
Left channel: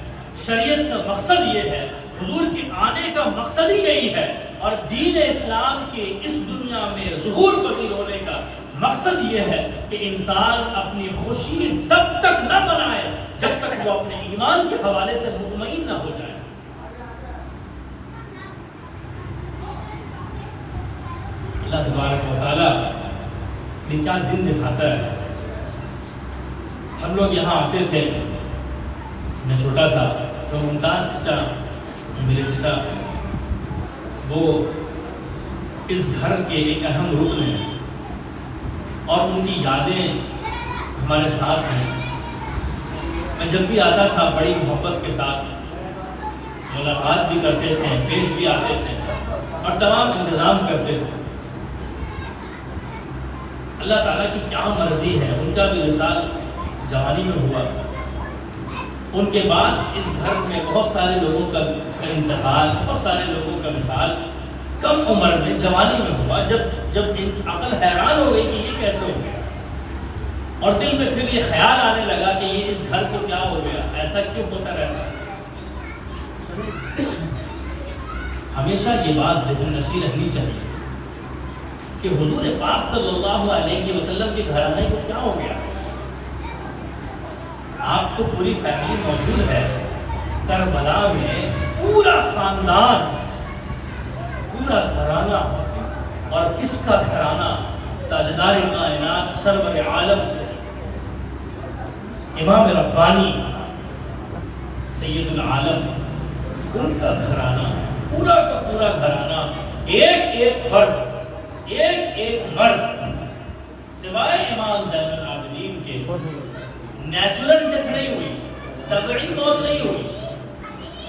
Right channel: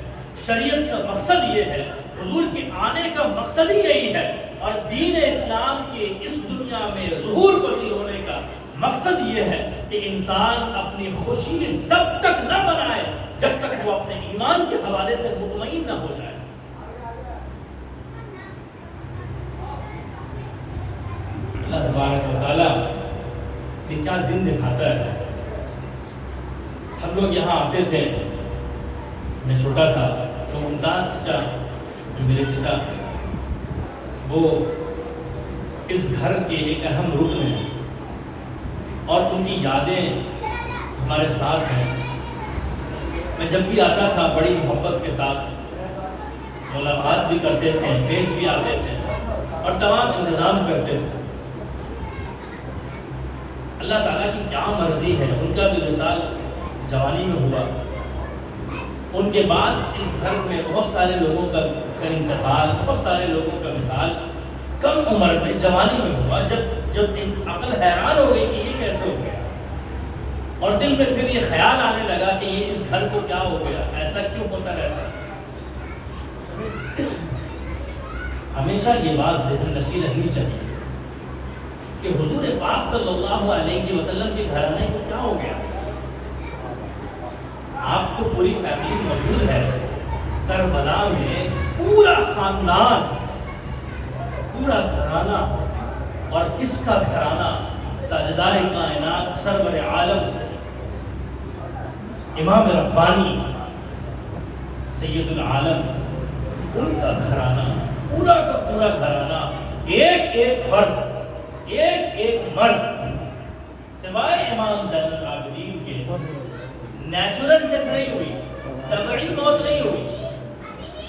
شریعت کا مقصد یہ ہے، حضور کے آنے کا مقصد ہی یہی ہے، اور دین اسلام کے اس دنیا میں ظہور پذیر ہونے کا مقصد یہ ہے کہ انسان اپنی خوشی تب تک نہ بنائے جب تک وہ اپنے ایمان کے حوالے سے مطمئن نہ ہو جائے۔ اللہ تبارک و تعالیٰ نے کیا دن دکھاتا ہے۔ ہم لوگ یہاں آتے تھے، میں چھوٹا تھا تو ممتاز چچا جو میرے چچا، وہ اس گھر کے ایک اہم رکن ہیں، اور ان کی یادیں ہمارے ساتھ ہیں. میں جب بھی آتا تھا بڑی محبت کے ساتھ ملاقات بھی کرتے تھے, پیش بھی آتے تھے اور تمام انتظام کرتے تھے. اللہ تعالیٰ کی کیا مرضی ہے, ان کا بھی وصال جوانی میں ہوا. ان کے بعد اس گھر میں بہت سارے لوگوں کا انتقال, بہت سارے لوگوں کا وصال کم عمر میں جوانی میں ہوا, جب عقل حیران ہو گئی کہ یہ کیسے ہو گیا, اور دل میں پھر یہ خیال آنے لگا کہ یہ اس گھر کو کیا ہو گیا, ایسا کیوں ہوتا رہتا. ہمیشہ یہ بات ذہن نشین رہنی چاہیے کہ حضور پاک صلی اللہ علیہ وسلم کے گھرانے کو کیا ہو گیا. آپ تو پوری فیملی موجود ہے, کربلا میں پورا خاندان, پورا گھرانہ, اور کس کا گھرانہ, تاجدار کائنات سرور عالم امام ربانی سید العالم, ان کا گھرانہ, پورا کا پورا گھرانہ, ایک ایک فرد, ایک ایک مرد, سوائے امام زین العابدین کے نیچرل ڈیتھ نہیں ہوئی, طبعی موت نہیں ہوئی,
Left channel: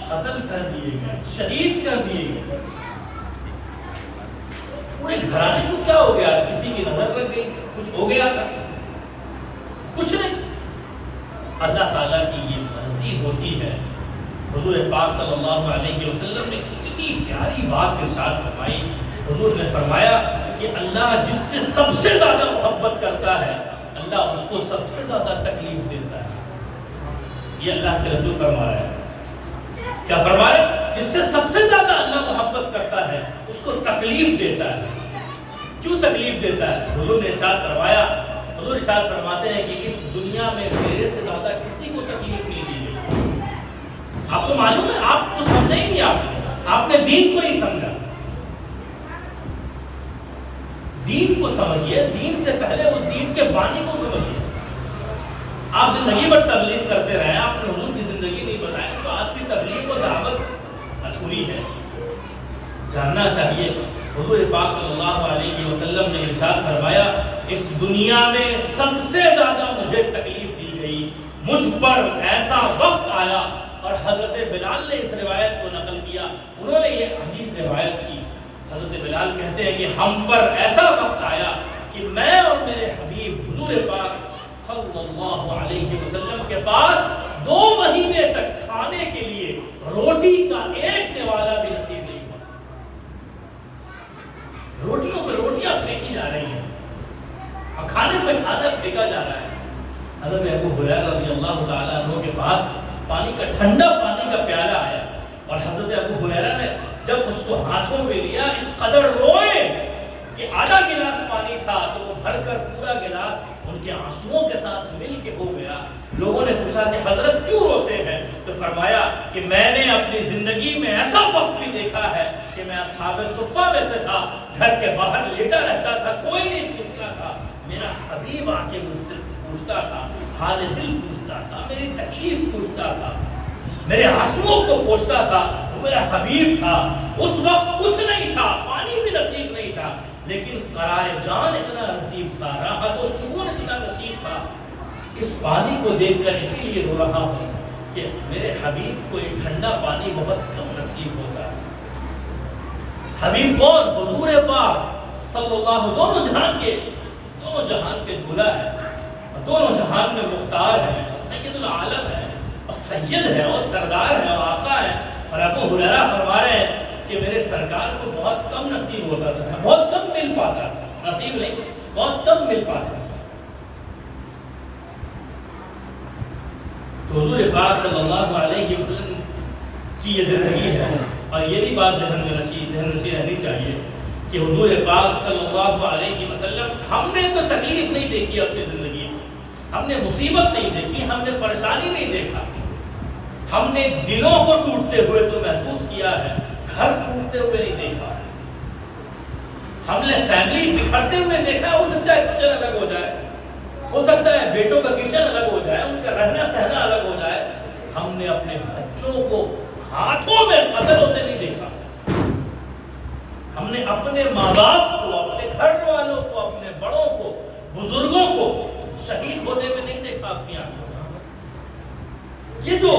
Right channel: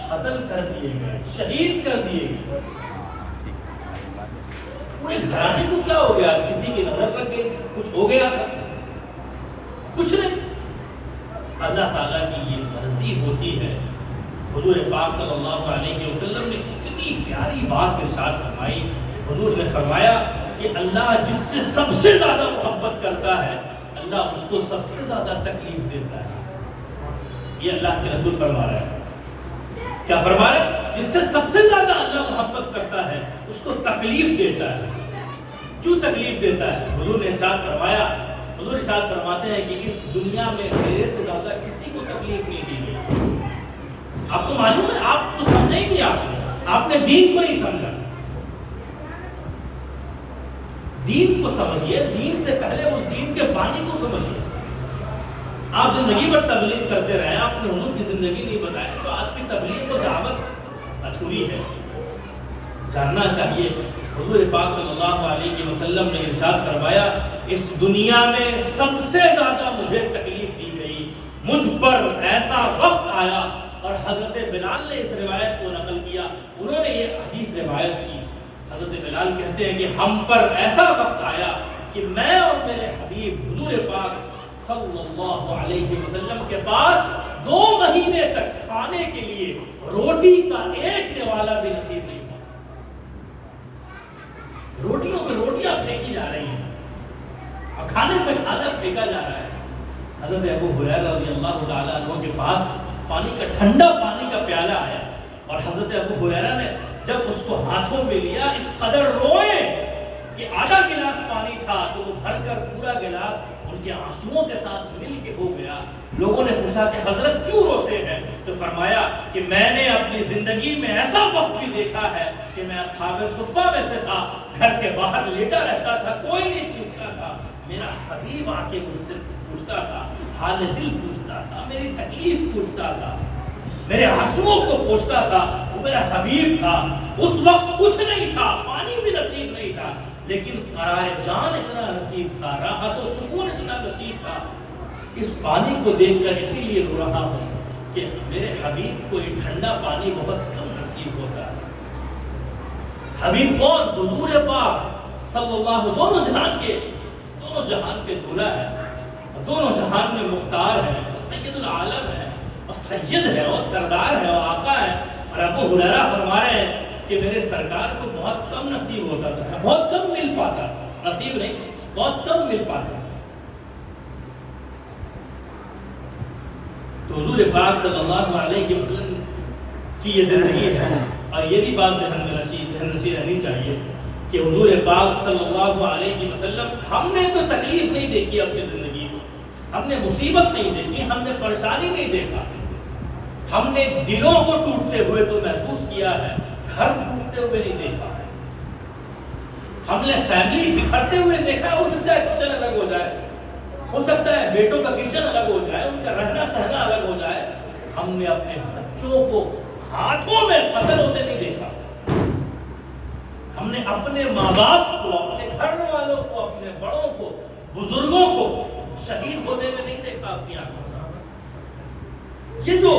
قتل کر دیے گئے, شہید کر دیے گئے. پورے گھرانے کو کیا ہو گیا, کسی کی نظر لگ گئی, کچھ ہو گیا تھا, کچھ نہیں. اللہ تعالیٰ کی یہ مرضی ہوتی ہے. حضور پاک صلی اللہ علیہ وسلم نے کتنی پیاری بات ارشاد فرمائی. حضور نے فرمایا کہ اللہ جس سے سب سے زیادہ محبت کرتا ہے, اللہ اس کو سب سے زیادہ تکلیف دیتا ہے. یہ اللہ کے رسول فرما رہے ہیں. کیا فرما رہے ہیں؟ جس سے سب سے زیادہ اللہ محبت کرتا ہے اس کو تکلیف دیتا ہے. کیوں تکلیف دیتا ہے؟ حضور نے ارشاد فرمایا, حضور ارشاد فرماتے ہیں کہ اس دنیا میں میرے سے زیادہ کسی کو تکلیف نہیں دی گئی. آپ کو معلوم ہے, آپ تو سمجھے ہی نہیں, آپ نے دین کو نہیں سمجھا. دین کو سمجھیے, دین سے پہلے اس دین کے بانی کو سمجھیے. آپ زندگی بھر تبلیغ کرتے رہے, آپ نے حضور کی زندگی نہیں بتائی, تو آپ کی تبلیغ و دعوت ادھوری ہے. جاننا چاہیے. حضور پاک صلی اللہ علیہ وسلم نے ارشاد فرمایا, اس دنیا میں سب سے زیادہ مجھے تکلیف دی گئی, مجھ پر ایسا وقت آیا. اور حضرت بلال نے اس روایت کو نقل کیا, انہوں نے یہ حدیث روایت کی. حضرت بلال کہتے ہیں کہ ہم پر ایسا وقت آیا کہ میں اور میرے حبیب حضور پاک صلی اللہ علیہ وسلم کے پاس 2 مہینے تک کھانے کے لیے روٹی کا ایک نوالا بھی نصیب نہیں ہوا. روٹیوں پہ روٹیاں پھینکی جا رہی ہیں, کھانے پہ کھانا پھینکا جا رہا ہے. حضرت ابو ہریرہ رضی اللہ تعالیٰ عنہ کے پاس پانی کا ٹھنڈا پانی کا پیالہ آیا, اور حضرت ابو ہریرہ نے جب اس کو ہاتھوں میں لیا اس قدر روئے کہ آدھا گلاس پانی تھا تو وہ بھر کر پورا گلاس ان کے آنسوؤں کے ساتھ مل کے ہو گیا. لوگوں نے پوچھا کہ حضرت کیوں روتے ہیں, تو فرمایا کہ میں نے اپنی زندگی میں ایسا وقت بھی دیکھا ہے کہ میں اصحاب صفہ میں سے تھا, گھر کے باہر لیٹا رہتا تھا, کوئی نہیں پوچھتا تھا, میرا حبیب آ کے مجھ سے پوچھتا تھا, حال دل پوچھتا تھا, میری تکلیف پوچھتا تھا, میرے آنسوؤں کو پوچھتا تھا. وہ میرا حبیب تھا. اس وقت کچھ نہیں تھا, پانی بھی نصیب نہیں تھا, لیکن قرار جان اتنا نصیب تھا, راحت و سکون اتنا نصیب تھا. اس پانی کو دیکھ کر اسی لیے رو رہا ہوں کہ میرے حبیب کو یہ ٹھنڈا پانی بہت کم نصیب ہوتا ہے. حبیب کون؟ حضور پاک صلی اللہ, دونوں جہان کے دولہ ہیں, دونوں جہان میں مختار ہیں, سید العالم ہے, اور سید ہے, اور سردار ہے, اور آقا ہے. اور ابو ہریرہ فرما رہے ہیں کہ میرے سرکار کو بہت کم نصیب ہوتا تھا, بہت کم مل پاتا, نصیب نہیں, بہت کم مل پاتا. تو حضور پاک صلی اللہ علیہ وسلم کی یہ زندگی ہے. اور یہ بھی بات ذہن نشین رہنی چاہیے کہ حضور پاک صلی اللہ علیہ وسلم, ہم نے تو تکلیف نہیں دیکھی اپنی زندگی میں, ہم نے مصیبت نہیں دیکھی, ہم نے پریشانی نہیں دیکھا, ہم نے دلوں کو ٹوٹتے ہوئے تو محسوس کیا ہے, گھر ٹوٹتے ہوئے نہیں دیکھا. ہم نے فیملی بکھرتے ہوئے دیکھا. ہو سکتا ہے کچن الگ ہو جائے, ہو سکتا ہے بیٹوں کا کچن الگ ہو جائے, ان کا رہنا سہنا الگ ہو جائے. ہم نے اپنے بچوں کو ہاتھوں میں قتل ہوتے نہیں دیکھا. ہم نے اپنے ماں باپ کو, اپنے گھر والوں کو, اپنے بڑوں کو بزرگوں کو شہید ہوتے ہوئے نہیں دیکھا اپنی آنکھوں سے. یہ جو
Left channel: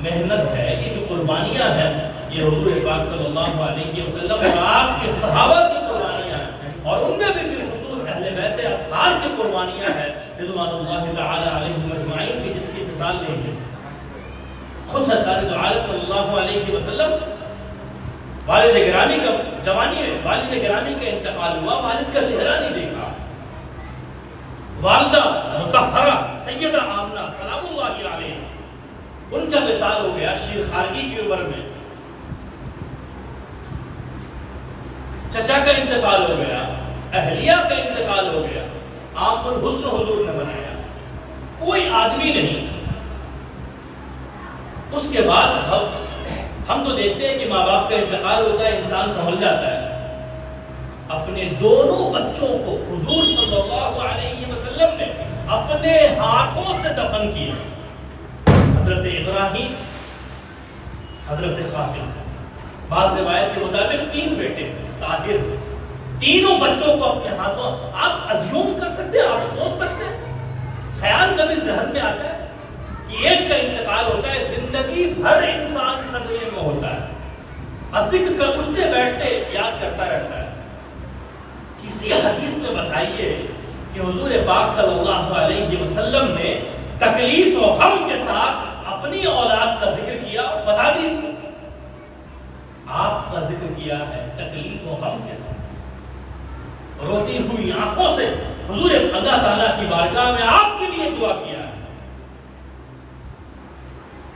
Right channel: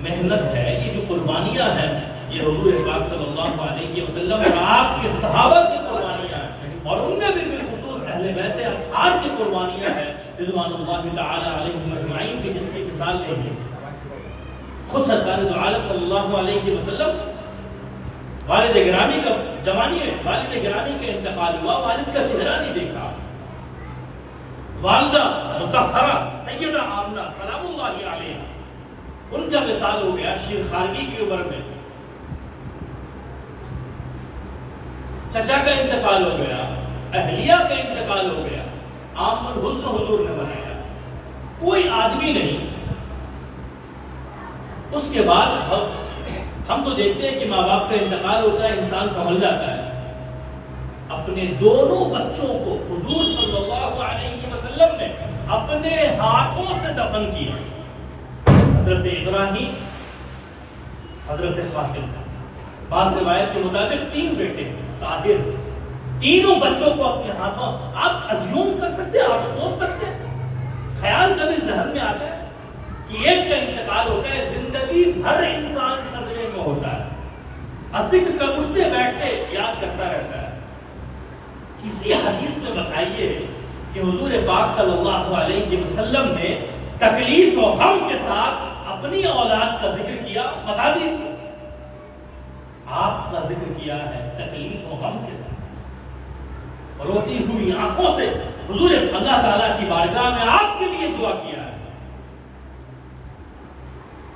محنت ہے، یہ جو قربانیاں ہیں، یہ حضور پاک صلی اللہ علیہ وسلم اور آپ کے صحابہ کی قربانیاں ہیں، اور ان میں بھی بالخصوص اہل بیت اطہار کی قربانیاں ہیں رضوان اللہ تعالی علیہم اجمعین کی، جس کی مثال لے لی. خود سرکار دو عالم صلی اللہ علیہ وسلم والد گرامی کا جوانی میں والد گرامی کا انتقال ہوا، والد کا چہرہ نہیں دیکھا. والدہ مطہرہ سیدہ آمنہ سلام اللہ علیہ، ان کا وصال ہو گیا شیر خارگی کی عمر میں. چچا کا انتقال ہو گیا، اہلیہ کا انتقال ہو گیا. عام الحزن حضور نے بنایا، کوئی آدمی نہیں. اس کے بعد ہم تو دیکھتے ہیں کہ ماں باپ کا انتقال ہوتا ہے، انسان سنبھل جاتا ہے. اپنے دونوں بچوں کو حضور صلی اللہ علیہ وسلم نے اپنے ہاتھوں سے دفن کیا. حضرت ابراہیم، حضرت قاسم، بعض روایت کے مطابق 3 بیٹے طاہر، تینوں بچوں کو اپنے ہاتھوں. آپ ازیوم کر سکتے ہیں، آپ سوچ سکتے ہیں، خیال کبھی ذہن میں آتا ہے کہ ایک کا انتقال ہوتا ہے، زندگی بھر انسان صدمے میں ہوتا ہے، ذکر کا اٹھتے بیٹھتے یاد کرتا رہتا ہے. کسی حدیث میں بتائیے کہ حضور پاک صلی اللہ علیہ وسلم نے تکلیف و غم کے ساتھ اپنی اولاد کا ذکر کیا؟ بتا دیجیے. آپ کا ذکر کیا ہے تکلیف و غم کے ساتھ، روتی ہوئی آنکھوں سے حضور اللہ تعالیٰ کی بارگاہ میں آپ کے لیے دعا کیا ہے.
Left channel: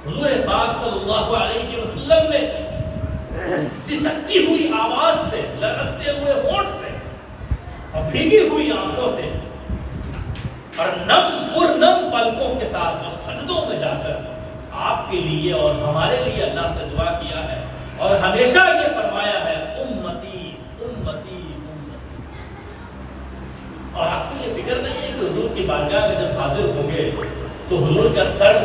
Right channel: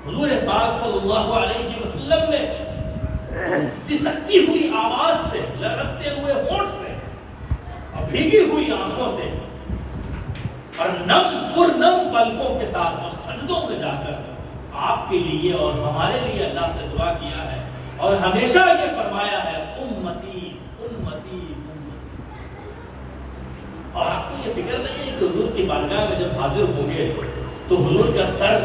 حضور پاک صلی اللہ علیہ وسلم نے سسکتی ہوئی آواز سے، لرزتے ہوئے ہونٹ سے اور بھیگی ہوئی آنکھوں سے اور نم پلکوں کے ساتھ جو سجدوں میں جا کر آپ کے لیے اور ہمارے لیے اللہ سے دعا کیا ہے، اور ہمیشہ یہ فرمایا ہے امتی امتی امتی. اور آپ کو یہ فکر نہیں ہے کہ حضور کی بارگاہ میں جب حاضر ہوں گے تو حضور کا سر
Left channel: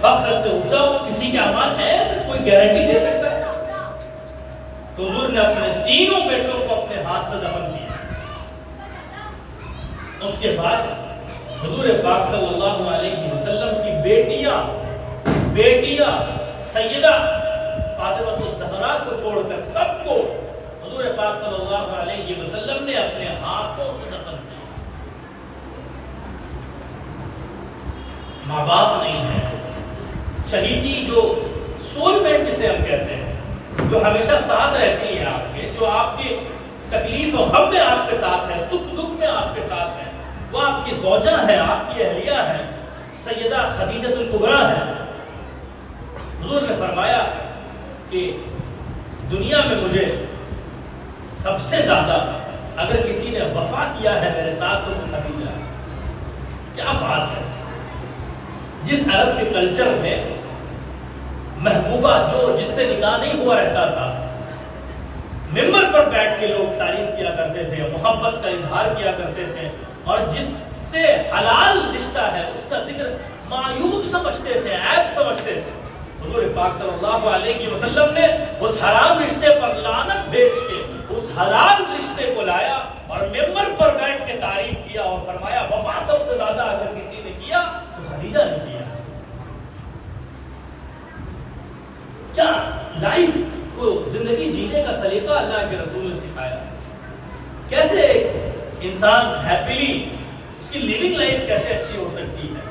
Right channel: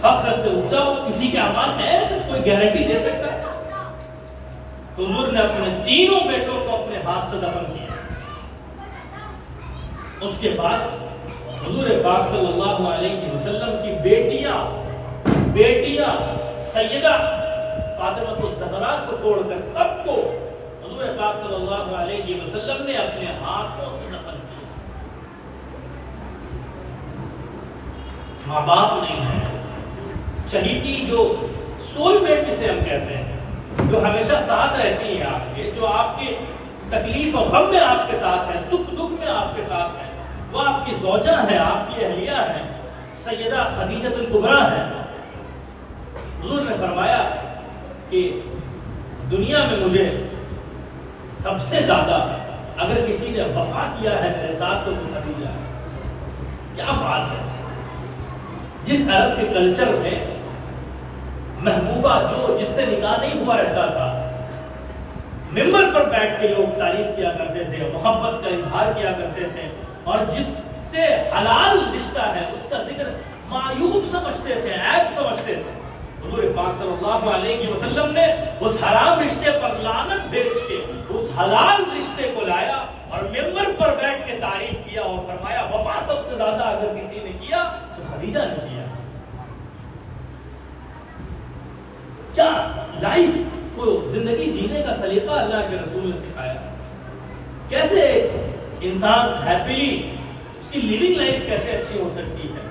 فخر سے اونچا ہو؟ کسی کے امان ہے ایسے کوئی گارنٹی دے سکتا ہے؟ تو حضور نے اپنے تینوں بیٹوں کو اپنے ہاتھ سے دفن کیا. اس کے بعد حضور پاک صلی اللہ علیہ وسلم کی بیٹیاں سیدہ فاطمہ الزہرا کو چھوڑ کر سب کو حضور پاک صلی اللہ علیہ وسلم نے اپنے ہاتھوں سے دفن کیا. ماں باپ نہیں ہے، شہیدی جو سول میٹ جسے ہم کہتے ہیں، جو ہمیشہ ساتھ رہتی ہیں آپ کے، جو آپ کے تکلیف و غم میں آپ کے ساتھ ہیں، سکھ دکھ میں آپ کے ساتھ ہیں، وہ آپ کی زوجہ ہیں، آپ کی اہلیہ ہیں، سیدہ خدیجہ الکبریٰ ہیں. حضور نے فرمایا کہ دنیا میں مجھے سب سے زیادہ اگر کسی نے وفا کیا ہے میرے ساتھ تو خدیجہ ہے. کیا بات ہے! جس عرب کے کلچر میں محبوبہ جس سے نکاح نہیں ہوا رہتا تھا، ممبر پر بیٹھ کے لوگ تعریف کیا کرتے تھے، محبت کا اظہار کیا کرتے تھے، اور جس سے حلال رشتہ ہے اس کا ذکر معیوب سمجھتے تھے، عیب سمجھتے تھے. حضور پاک صلی اللہ علیہ وسلم نے اس حرام رشتے پر لعنت بھیج کے اس حلال رشتے کو لایا اور ممبر پر بیٹھ کے تعریف کیا اور فرمایا وفا سب سے زیادہ اگر کسی نے کیا تو خدیجہ نے کیا. کیا لائف کو زندگی جینے کا سلیقہ اللہ کے رسول نے سکھایا. کیسے انسان ہیپیلی اس کی لیونگ لائف کیسے اچھی ہو سکتی ہے،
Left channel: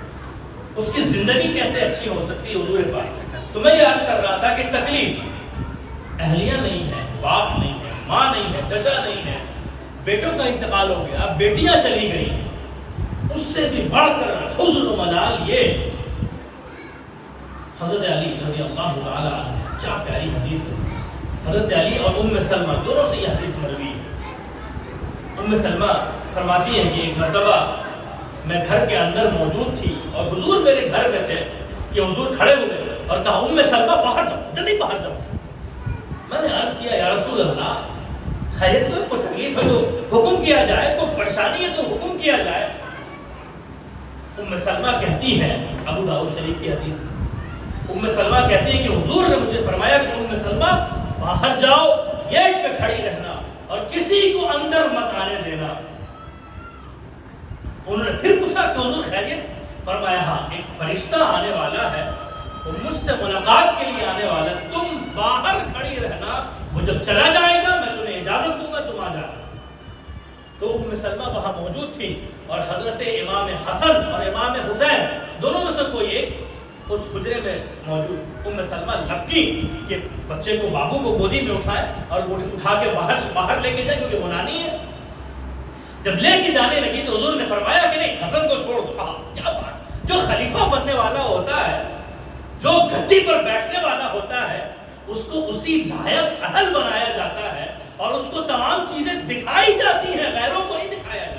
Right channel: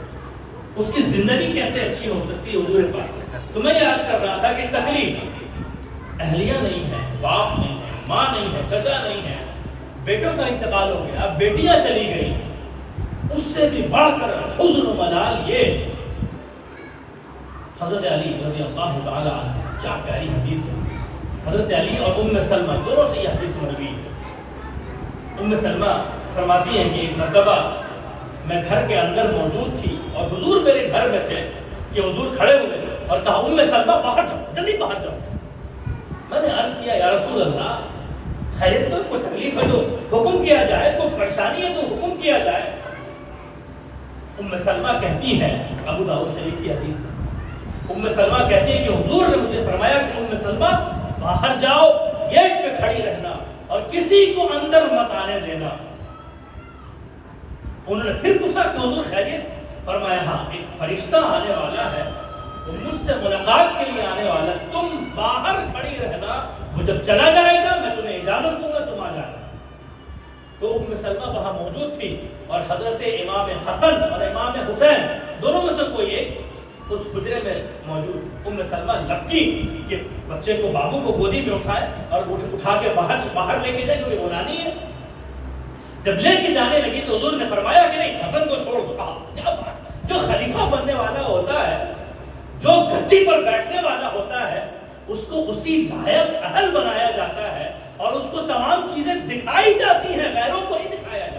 اس کی زندگی کیسے اچھی ہو سکتی ہے. حضور پاک تو میں یہ عرض کر رہا تھا کہ تکلیف اہلیہ نہیں ہے، باپ نہیں ہے، ماں نہیں ہے، چچا نہیں ہے، بیٹوں کا انتقال ہو گیا، بیٹیاں چلی گئی. اس سے بھی بڑھ کر حزن و ملال یہ حضرت علی رضی اللہ تعالی عنہ، کیا پیاری حدیث ہے. حضرت علی اور ام سلمہ دونوں سے یہ حدیث مروی ہے. ام سلمہ فرماتی ہیں کہ ایک مرتبہ میں گھر کے اندر موجود تھی اور حضور میرے گھر میں تھے کہ حضور کھڑے ہوئے اور کہا ام سلمہ باہر جاؤ، جلدی باہر جاؤ. میں نے عرض کیا یا رسول اللہ خیریت تو کوئی تکلیف ہے تو حکم کیا جائے، کوئی پریشانی ہے تو حکم کیا جائے. ام سلمہ کہتی ہے، ابو داؤد شریف کی حدیث ہے، ام سلمہ کہتی ہے کہ حضور نے مجھے فرمایا کہ ام سلمہ باہر جاؤ، گیٹ پہ کھڑی رہنا اور کسی کو اندر مت آنے دینا. انہوں نے پھر پوچھا کہ حضور خیریت؟ فرمایا ہاں ایک فرشتہ آنے والا ہے، وہ مجھ سے ملاقات کے لیے آنے والا، تم باہر کھڑی رہنا، وہ جب چلا جائے گا میں تمہیں اجازت دوں گا، تم آ جانا۔ تو ام سلمہ وہاں موجود تھی اور حضرت امام حسن اور امام حسین دونوں میں سے کوئی ایک اس حجرے میں موجود۔ ام سلمہ لپکی کہ بچے کو، بابو کو گودی میں اٹھائے اور اٹھا کے باہر لے کے جائے، کیونکہ وہ نانی ہے۔ جب لے کے جانے لگی تو حضور نے فرمایا کہ نہیں، حسن کو چھوڑ دو۔ کیا بات! جو خلیفہ بننے والا ہوتا ہے، جو گدی پر بیٹھنے والا ہوتا ہے، اس کو اسی لائق اہل بنایا جاتا ہے اور اس کو تمام چیزیں دکھائی جاتی ہیں، غیروں کو نہیں دکھایا جاتا۔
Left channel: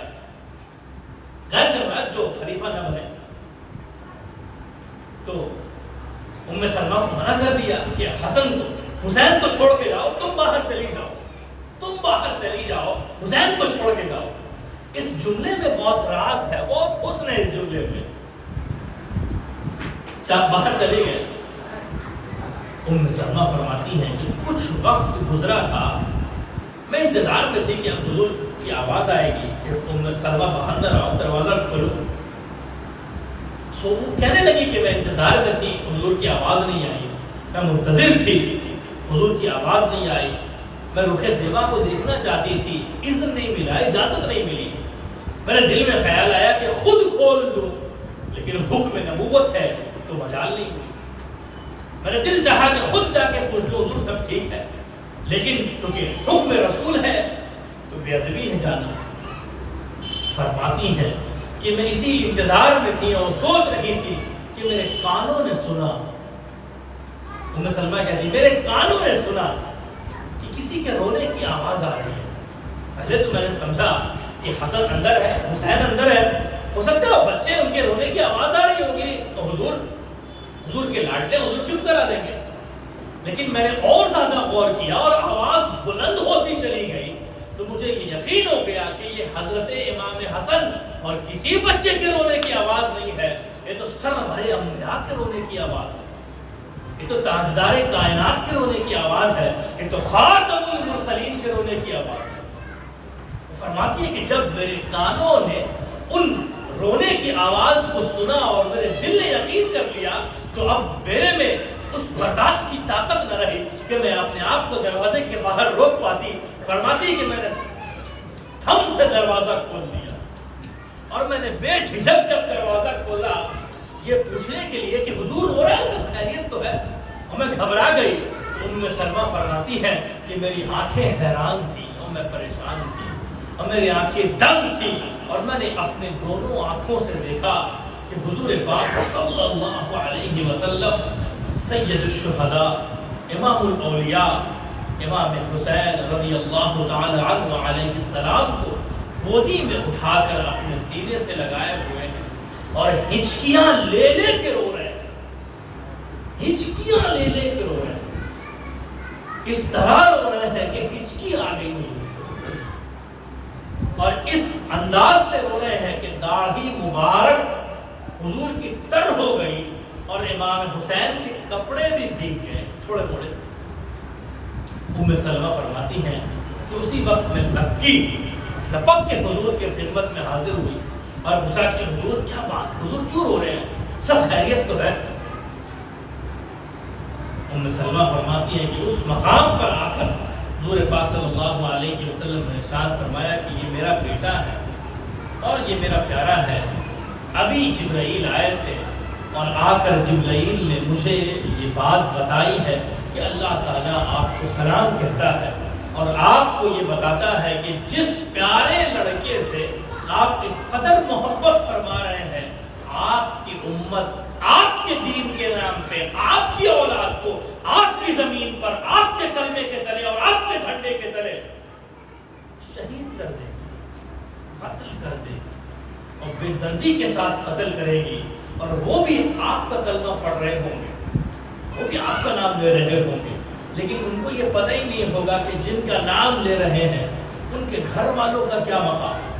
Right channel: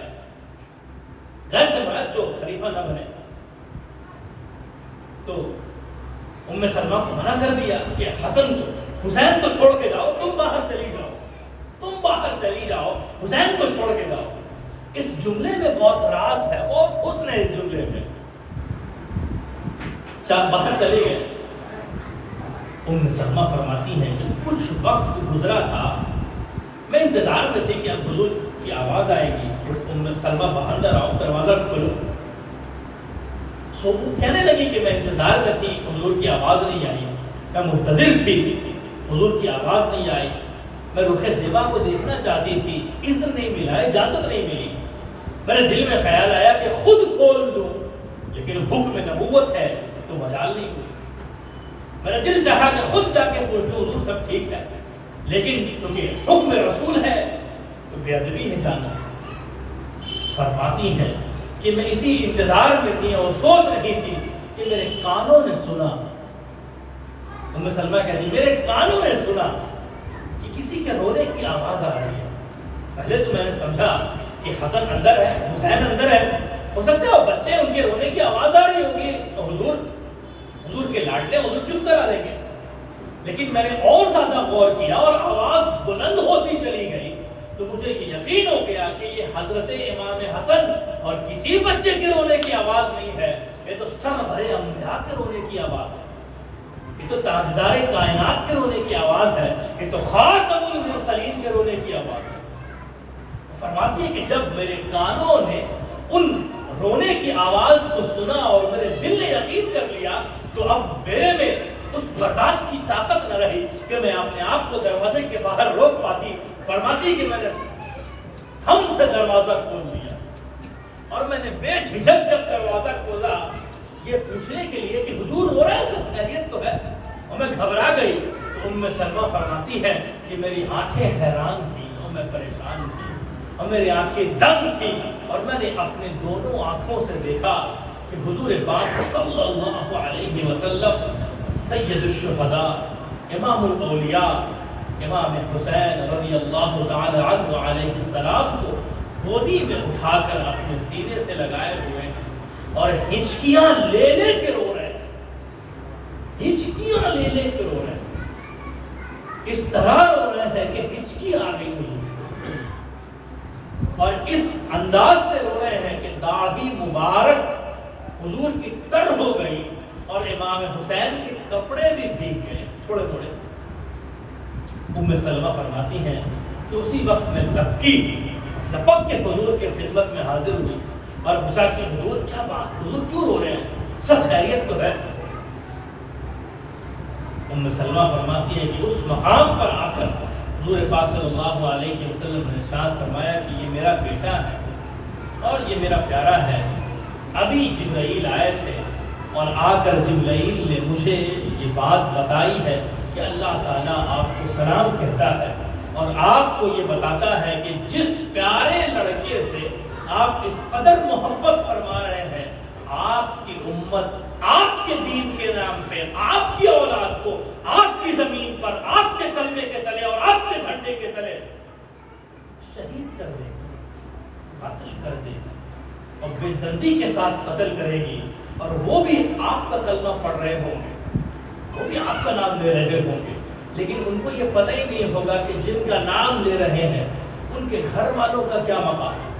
غیر سے مراد جو خلیفہ نہ بنے۔ تو ام سلمہ کو منع کر دیا کہ حسن کو، حسین کو چھوڑ کے جاؤ، تم باہر چلی جاؤ، تم باہر چلی جاؤ، حسین کو چھوڑ کے جاؤ۔ اس جملے میں بہت راز ہے، بہت حسن ہے اس جملے میں۔ باہر چلے گئے۔ ام سلمہ فرماتی ہیں کہ کچھ وقت گزرا تھا، میں انتظار میں تھی کہ اب حضور کی آواز آئے گی، اس ام سلمہ باہر آؤ، دروازہ کھولو۔ وہ کہنے لگی کہ میں انتظار میں تھی، حضور کی آواز نہیں آئی، میں منتظر تھی، حضور کی آواز نہیں آئی، میں رخ زیبا کو دیکھنا چاہتی تھی، اذن نہیں ملا، اجازت نہیں ملی۔ میرے دل میں خیال آیا کہ خود کھول دو، لیکن حکم نبوت ہے تو مجال نہیں ہوئی۔ میرا دل چاہا کہ خود جا کے پوچھ لو، حضور سب ٹھیک ہے، لیکن چونکہ حکم رسول ہے تو بے ادبی ہے جانا۔ فرماتی ہے کہ میں اسی انتظار میں تھی اور سوچ رہی تھی کہ میرے کانوں نے سنا، ام سلمہ کہتی میرے کانوں نے سنا کہ کسی کے رونے کی آواز آ رہی ہے۔ پہلے تو میں نے سمجھا کہ حسن اندر ہے، حسین اندر ہے، ہو سکتا ہے وہ بچے ان کے رونے کی آواز آ رہی ہوگی تو حضور کے لاڈلے حضور چپ کرا دیں گے۔ لیکن میں نے اور زیادہ غور کیا اور آواز بلند ہوتی چلی گئی تو مجھے یہ یقین ہو گیا کہ یہ حضرت امام حسن اور کسی بچے کے رونے کی آواز نہیں ہے، یہ تو سرور انبیاء کے رونے کی آواز ہے، یہ تو تاجدار کائنات کے رونے کی آواز ہے، یہ تو خاتم المرسلین کے رونے کی آواز ہے۔ فرماتی ہے کہ جب میرے کانوں نے ان رونے کی آواز کو سنا اور میرے دل نے یقین کر لیا تو اب میرے میں اس برداشت کی طاقت نہ رہی کہ میں اپنے آپ کو دروازے کے باہر روک پاتی۔ فرماتی کہ میں نے ہم سے دروازہ کھول دیا اور میں نے بے جھجک جب دروازہ کھولا یہ پوچھنے کے لیے کہ حضور ہو رہا ہے، سب خیریت تو ہے، اور میں گھبرا گئی۔ ام سلمہ فرماتی ہے کہ میری آنکھیں حیران تھی اور میں پریشان تھی اور میری آنکھیں دنگ تھی اور میں نے اپنے دونوں آنکھوں سے دیکھا کہ حضور پاک صلی اللہ علیہ وسلم سید الشہداء امام الاولیاء امام حسین رضی اللہ تعالی عنہ علیہ السلام کو گودی میں اٹھا کر اپنے سینے سے لگائے ہوئے ہیں اور ہچکیاں لے لے کے رو رہے ہیں، ہچکیاں لے لے کے رو رہے ہیں، اس طرح رو رہے ہیں کہ ہچکی آ گئی ہوئی اور اس انداز سے رو رہے ہیں کہ داڑھی مبارک حضور کی تر ہو گئی اور امام حسین کے کپڑے بھی بھیگ گئے تھوڑے تھوڑے۔ ام سلمہ فرماتی ہیں کہ اسی وقت میں لپک کے حضور کے خدمت میں حاضر ہوئی اور پوچھا کہ حضور کیا بات، حضور کیوں رو رہے ہیں، سب خیریت تو ہے؟ ام سلمہ فرماتی ہے کہ اس مقام پر آ کر حضور پاک صلی اللہ علیہ وسلم نے ارشاد فرمایا کہ یہ میرا بیٹا ہے اور یہ میرا پیارا ہے۔ ابھی جبرائیل آئے تھے اور آ کر جبرائیل نے مجھے یہ بات بتائی ہے کہ اللہ تعالیٰ آپ کو سلام کہتا ہے اور آپ کو یہ بتاتا ہے کہ جس پیارے لڑکے سے آپ اس قدر محبت فرما رہے ہیں، آپ کی امت آپ کے دین کے نام پہ آپ کی اولاد کو آپ کی زمین پر آپ کے کلمے کے تلے اور آپ کے جھنڈے کے تلے شہید کر دے گی، قتل کر دے گی اور بے دردی کے ساتھ قتل کرے گی، اور وہ بھی آپ کا کلمہ پڑھ رہے ہوں گے، وہ بھی آپ کا نام لے رہے ہوں گے، لیکن ان کو یہ پتہ ہی نہیں ہوگا کہ جن کا نام لے رہے ہیں ان کے گھر والوں کا کیا مقام ہے۔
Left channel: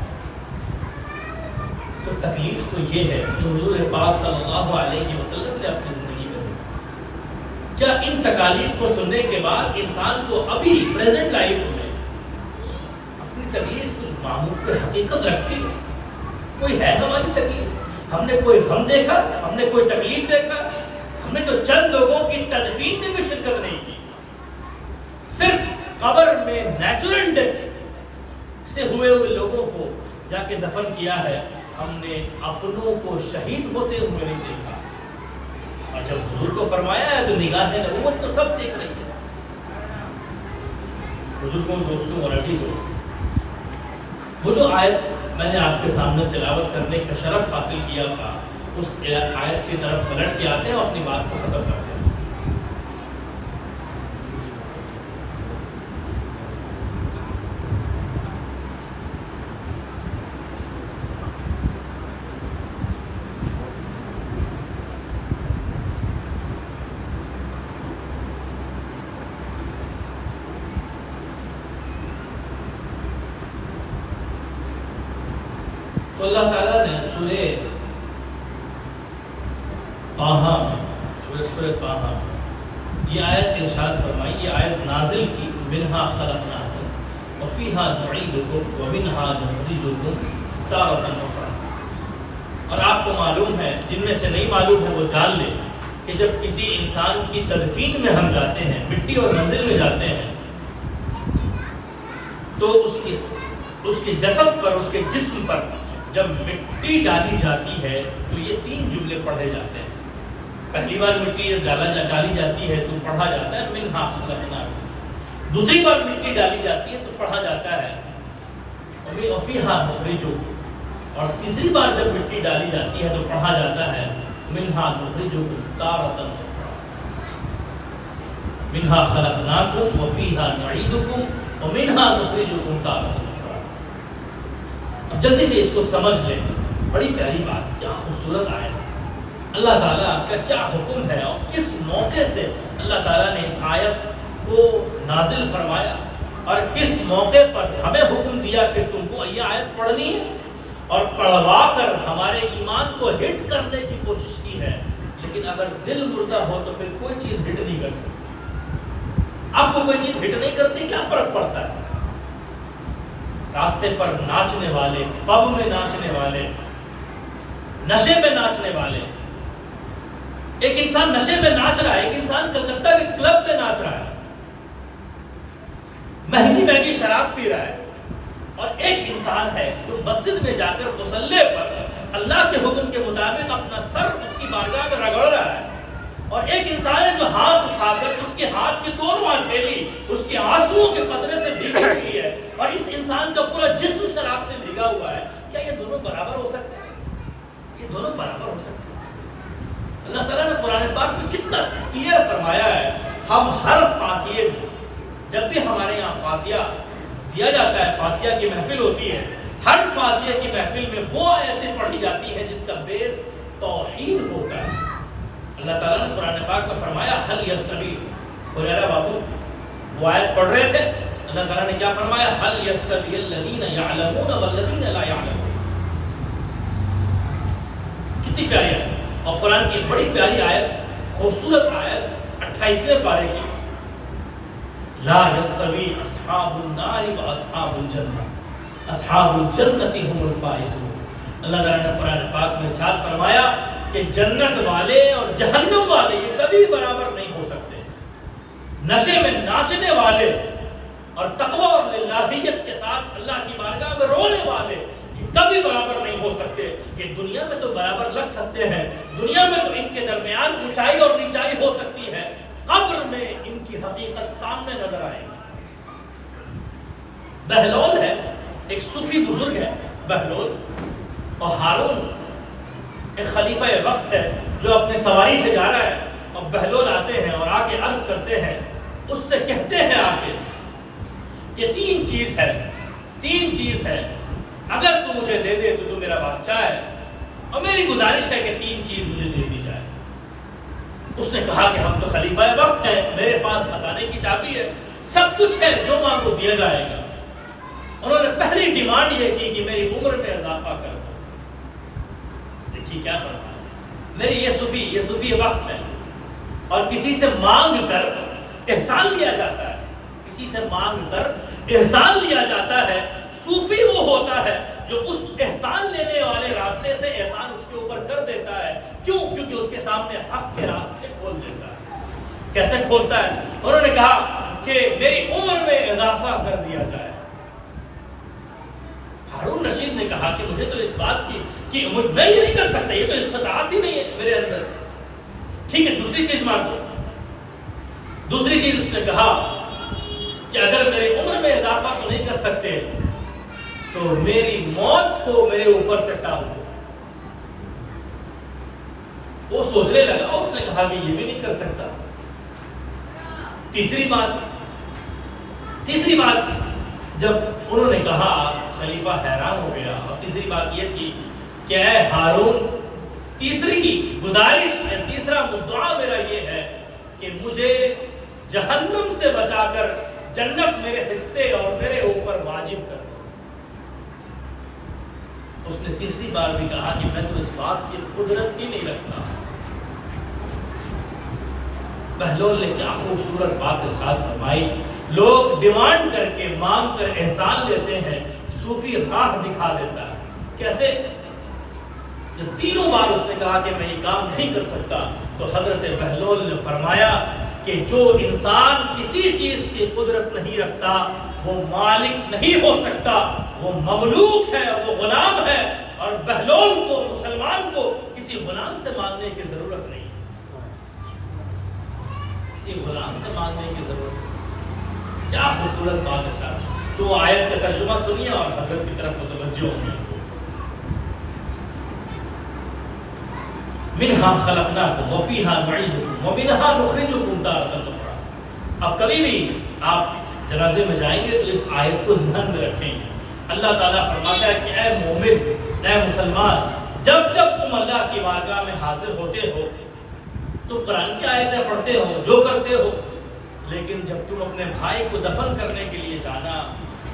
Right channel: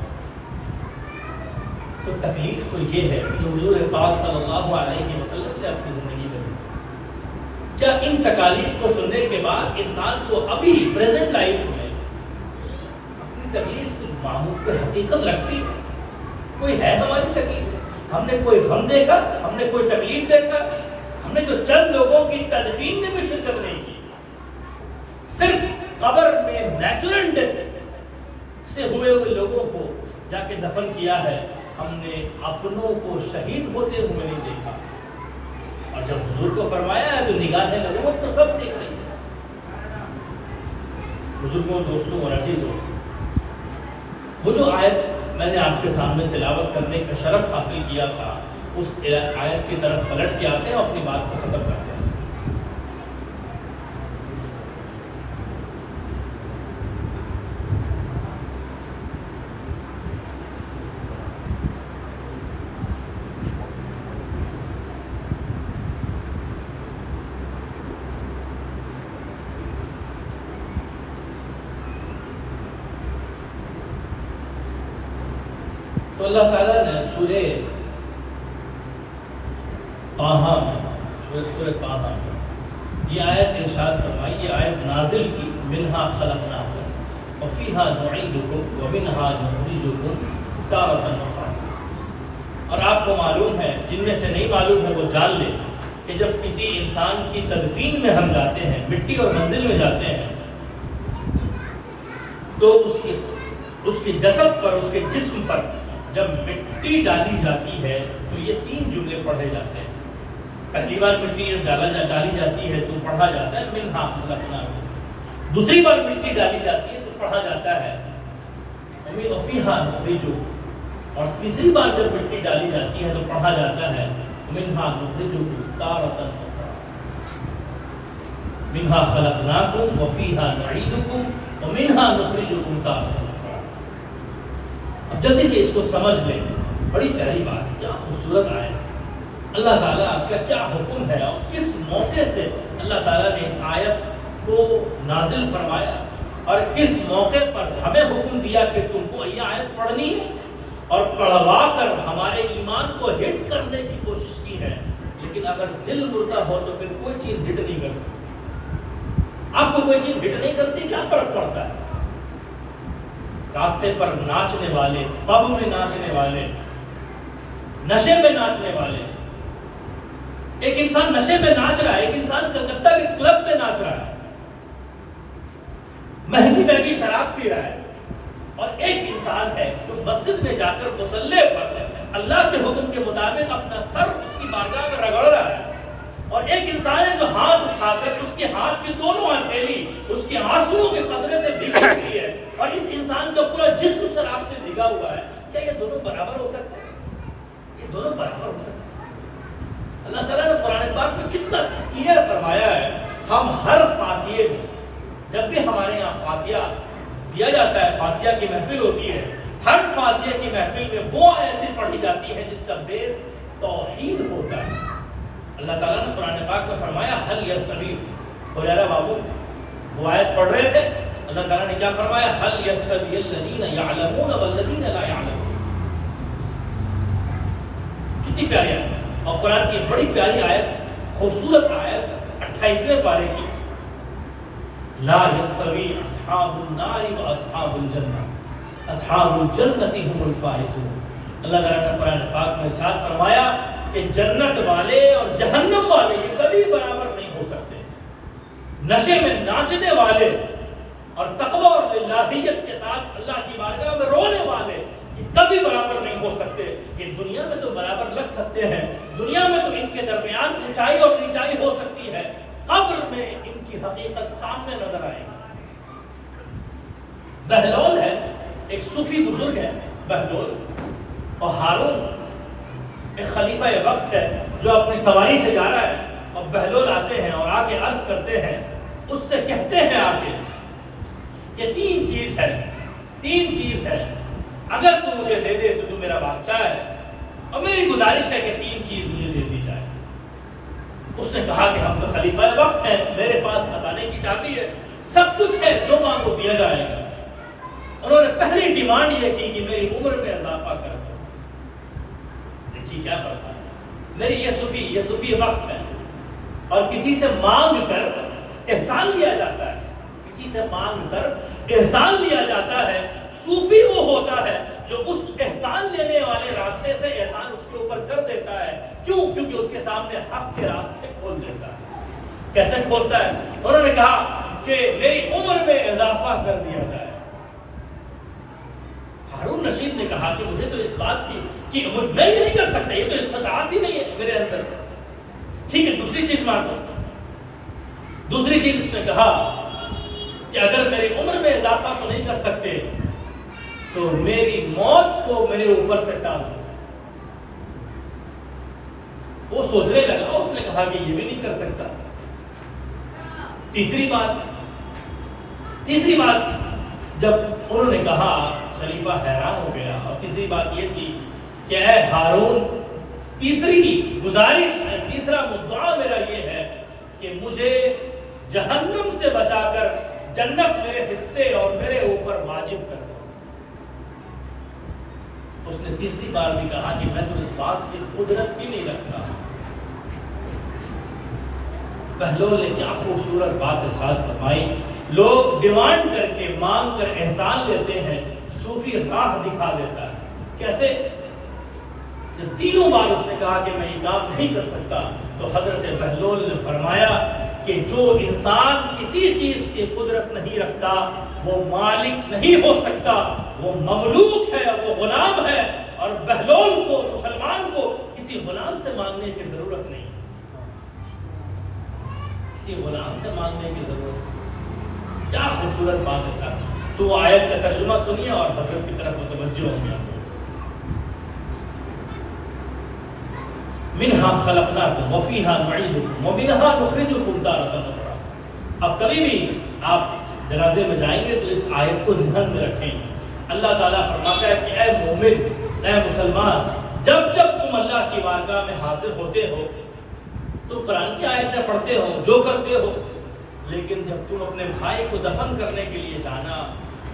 تو تکلیف تو یہ ہے کہ حضور پاک صلی اللہ علیہ وسلم نے اپنی زندگی میں کیا ان تکالیف کو سننے کے بعد انسان کو ابھی پریزنٹ لائف میں اپنی تکلیف کو معمول پہ حقیقت لگتی ہے، کوئی ہے ہماری تکلیف؟ ہم نے کوئی غم دیکھا؟ ہم نے کوئی تکلیف دیکھا؟ ہم نے تو چند لوگوں کی تدفین میں بھی شرکت نہیں کی، صرف قبر میں نیچرل ڈیتھ سے ہوئے لوگوں کو جا کے دفن کیا ہے، ہم نے اپنوں کو شہید ہوتے ہوئے نہیں دیکھا۔ اور جب حضور کو فرمایا ہے تو نگاہ نبوت تو سب دیکھ رہی ہے۔ بزرگوں، دوستوں اور عزیزوں، وہ جو آیت میں نے آپ کے سامنے تلاوت کرنے کا شرف حاصل کیا تھا، اس آیت کی طرف پلٹ کے آتے ہیں اور اپنی بات کو ختم کرتے ہیں۔ تو اللہ تعالیٰ نے سورہ طٰہٰ میں یہ آیت ارشاد فرمائی، یہ آیت نازل کی، منہا خلقناکم وفیہا نعیدکم ومنہا نخرجکم تارۃ اخری۔ اور آپ کو معلوم ہے، جن میں سے نہیں معلوم ہے وہ جان لے کہ جب کسی انسان کی تدفین میں ہم جاتے ہیں، مٹی اور منزل میں جاتے ہیں، تو اس کے جسد پر، اس کے جسم پر جب مٹی ڈالی جاتی ہے تو یہ 3 جملے پڑھے جاتے ہیں۔ پہلی بار مٹی جب ڈالی جاتی ہے تو پڑھا جاتا ہے منہا خلقناکم، دوسری بار مٹی ڈالی جاتی ہے تو پڑھا جاتا ہے وفیہا نخرجکم، اور تیسری بار جب مٹی ڈالی جاتی ہے تو پڑھا جاتا ہے منہا نخرجکم تارۃ اخری، منہا خلقناکم وفیہا نعیدکم ومنہا نخرجکم تارۃ اخری۔ اب جلدی سے اس کو سمجھ لیں، بڑی پیاری بات، کیا خوبصورت آیت، اللہ تعالیٰ کا کیا حکم ہے اور کس موقع سے اللہ تعالیٰ نے اس آیت کو نازل فرمایا اور کس موقع پر ہمیں حکم دیا کہ تم کو یہ آیت پڑھنی ہے، اور پڑھوا کر ہمارے ایمان کو ہٹ کرنے کی کوشش کی ہے۔ لیکن اگر دل مردہ ہو تو پھر کوئی چیز ہٹ نہیں کر سکتی۔ آپ کو کوئی چیز ہٹ نہیں کرتی، کیا فرق پڑتا ہے؟ راستے پر ناچنے والے، پب میں ناچنے والے، نشے میں ناچنے والے، ایک انسان نشے میں ناچ رہا ہے، ایک انسان کلکتہ کے کلب میں ناچ رہا ہے، مہنگی مہنگی شراب پی رہا ہے، اور ایک انسان ہے جو مسجد میں جا کر مصلی پر اللہ کے حکم کے مطابق اپنا سر اس کی بارگاہ میں رگڑ رہا ہے، اور ایک انسان ہے جو ہاتھ اٹھا کر اس کے ہاتھ کی دونوں ہتھیلی اس کے آنسوؤں کے قطرے سے بھیگ رہی ہے، اور اس انسان کا پورا جسم شراب سے بھیگا ہوا ہے۔ کیا یہ دونوں برابر ہو سکتے ہیں؟ یہ دونوں برابر ہو سکتے ہیں؟ اللہ تعالیٰ نے قرآن پاک میں کتنا کلیئر فرمایا ہے۔ ہم ہر فاتحے میں، جب بھی ہمارے یہاں فاتحہ دیا جاتا ہے، فاتحہ کی محفل ہوتی ہے، ہر فاتحہ کی محفل میں وہ آیتیں پڑھی جاتی ہیں جس کا بیس توحید ہوتا ہے۔ اللہ تعالیٰ نے قرآن پاک میں فرمایا حل یستوی، حریرہ بابو وہ آیت پڑھ رہے تھے، اللہ تعالیٰ نے کیا فرمایا؟ حل یستوی الذین یعلمون والذین لا یعلمون۔ کتنی پیاری آیت، اور قرآن کی ایک بڑی پیاری آیت، خوبصورت آیت 28ویں پارے کی، لا یستوی اصحاب النار و اصحاب الجنہ اصحاب الجنۃ هم الفائزون۔ اللہ تعالیٰ نے قرآن پاک میں ارشاد فرمایا کہ جنت والے اور جہنم والے یہ کبھی برابر نہیں ہو سکتے۔ نشے میں ناچنے والے اور تقوی اور للہیت کے ساتھ اللہ کی بارگاہ میں رونے والے یہ کبھی برابر نہیں ہو سکتے۔ یہ دنیا میں تو برابر لگ سکتے ہیں، دنیا میں تو ان کے درمیان اونچائی اور نیچائی ہو سکتی ہے، قبر میں ان کی حقیقت سامنے نظر آئے گی۔ بہلول ہے، ایک صوفی بزرگ ہے بہلول، اور ہارون ایک خلیفہ وقت ہے جو اپنی سواری سے جا رہا ہے، اور بہلول آتے ہیں اور آ کے عرض کرتے ہیں، اس سے کہتے ہیں آ کے کہ 3 چیز ہے، اگر تو مجھے دے دے تو میرا بادشاہ ہے، اور میری گزارش ہے کہ 3 چیز مجھے دے دی جائے۔ اس نے کہا کہ ہم تو خلیفہ وقت ہیں، میرے پاس خزانے کی چابی ہے، سب کچھ ہے، جو مانگو دیا جائے گا۔ انہوں نے پہلی ڈیمانڈ یہ کی کہ میری عمر میں اضافہ کر دو۔ دیکھیے کیا فرمایا، میری یہ صوفی وقت ہے، اور کسی سے مانگ کر احسان لیا جاتا ہے، کسی سے مانگ کر احسان لیا جاتا ہے۔ صوفی وہ ہوتا ہے جو اس احسان لینے والے راستے سے احسان اس کے اوپر کر دیتا ہے. کیوں؟ کیونکہ اس کے سامنے حق کے راستے کھول دیتا ہے. کیسے کھولتا ہے؟ انہوں نے کہا کہ میری عمر میں اضافہ کر دیا جائے. ہارون رشید نے کہا کہ مجھے تو اس بات کی میں یہ نہیں کر سکتا, یہ تو استطاعت ہی نہیں ہے میرے اندر. ٹھیک ہے, دوسری چیز مان لو. دوسری چیز اس نے کہا کہ اگر میرے عمر میں اضافہ تو نہیں کر سکتے تو میری موت کو میرے اوپر سے ٹال دو. وہ سوچنے لگا, اس نے کہا کہ یہ بھی نہیں کر سکتا. تیسری بات جب انہوں نے کہا, خلیفہ حیران ہو گیا. اور تیسری بات یہ تھی کہ اے ہارون, تیسری گزارش یا تیسرا دعا میرا یہ ہے کہ مجھے جہنم سے بچا کر جنت میرے حصے اور میرے اوپر واجب کر دو. اس نے تیسری بار بھی کہا کہ میں تو اس بات کی قدرت ہی نہیں رکھتا. بہلول نے کیا خوبصورت بات ارشاد فرمائی. لوگ ڈیمانڈ کر کے مانگ کر احسان لیتے ہیں, صوفی راہ دکھا دیتا ہے. کیسے؟ جب تینوں بار اس نے کہا کہ میں یہ کام نہیں کر سکتا تو حضرت بہلول نے فرمایا کہ جو انسان کسی چیز کی قدرت نہیں رکھتا وہ مالک نہیں ہو سکتا, وہ مملوک ہے, وہ غلام ہے. اور بہلول کو, مسلمان کو کسی غلام سے مانگنے کی ضرورت نہیں, کسی غلام سے مانگنے کی ضرورت نہیں. کیا خوبصورت بات ہے صاحب. تو آیت کا ترجمہ سنیے اور حضرت کی طرف متوجہ ہوں گے. منہا خلقناکم وفیہا نعیدکم ومنہا نخرجکم تارۃ اخری. اب کبھی بھی آپ جنازے میں جائیں گے تو اس آیت کو ذہن میں رکھیں. اللہ تعالیٰ فرماتا ہے کہ اے مومن, اے مسلمان, جب تم اللہ کی بارگاہ میں حاضر ہوتے ہو تو قرآن کی آیتیں پڑھتے ہو, جو کرتے ہو, لیکن جب تم اپنے بھائی کو دفن کرنے کے لیے جانا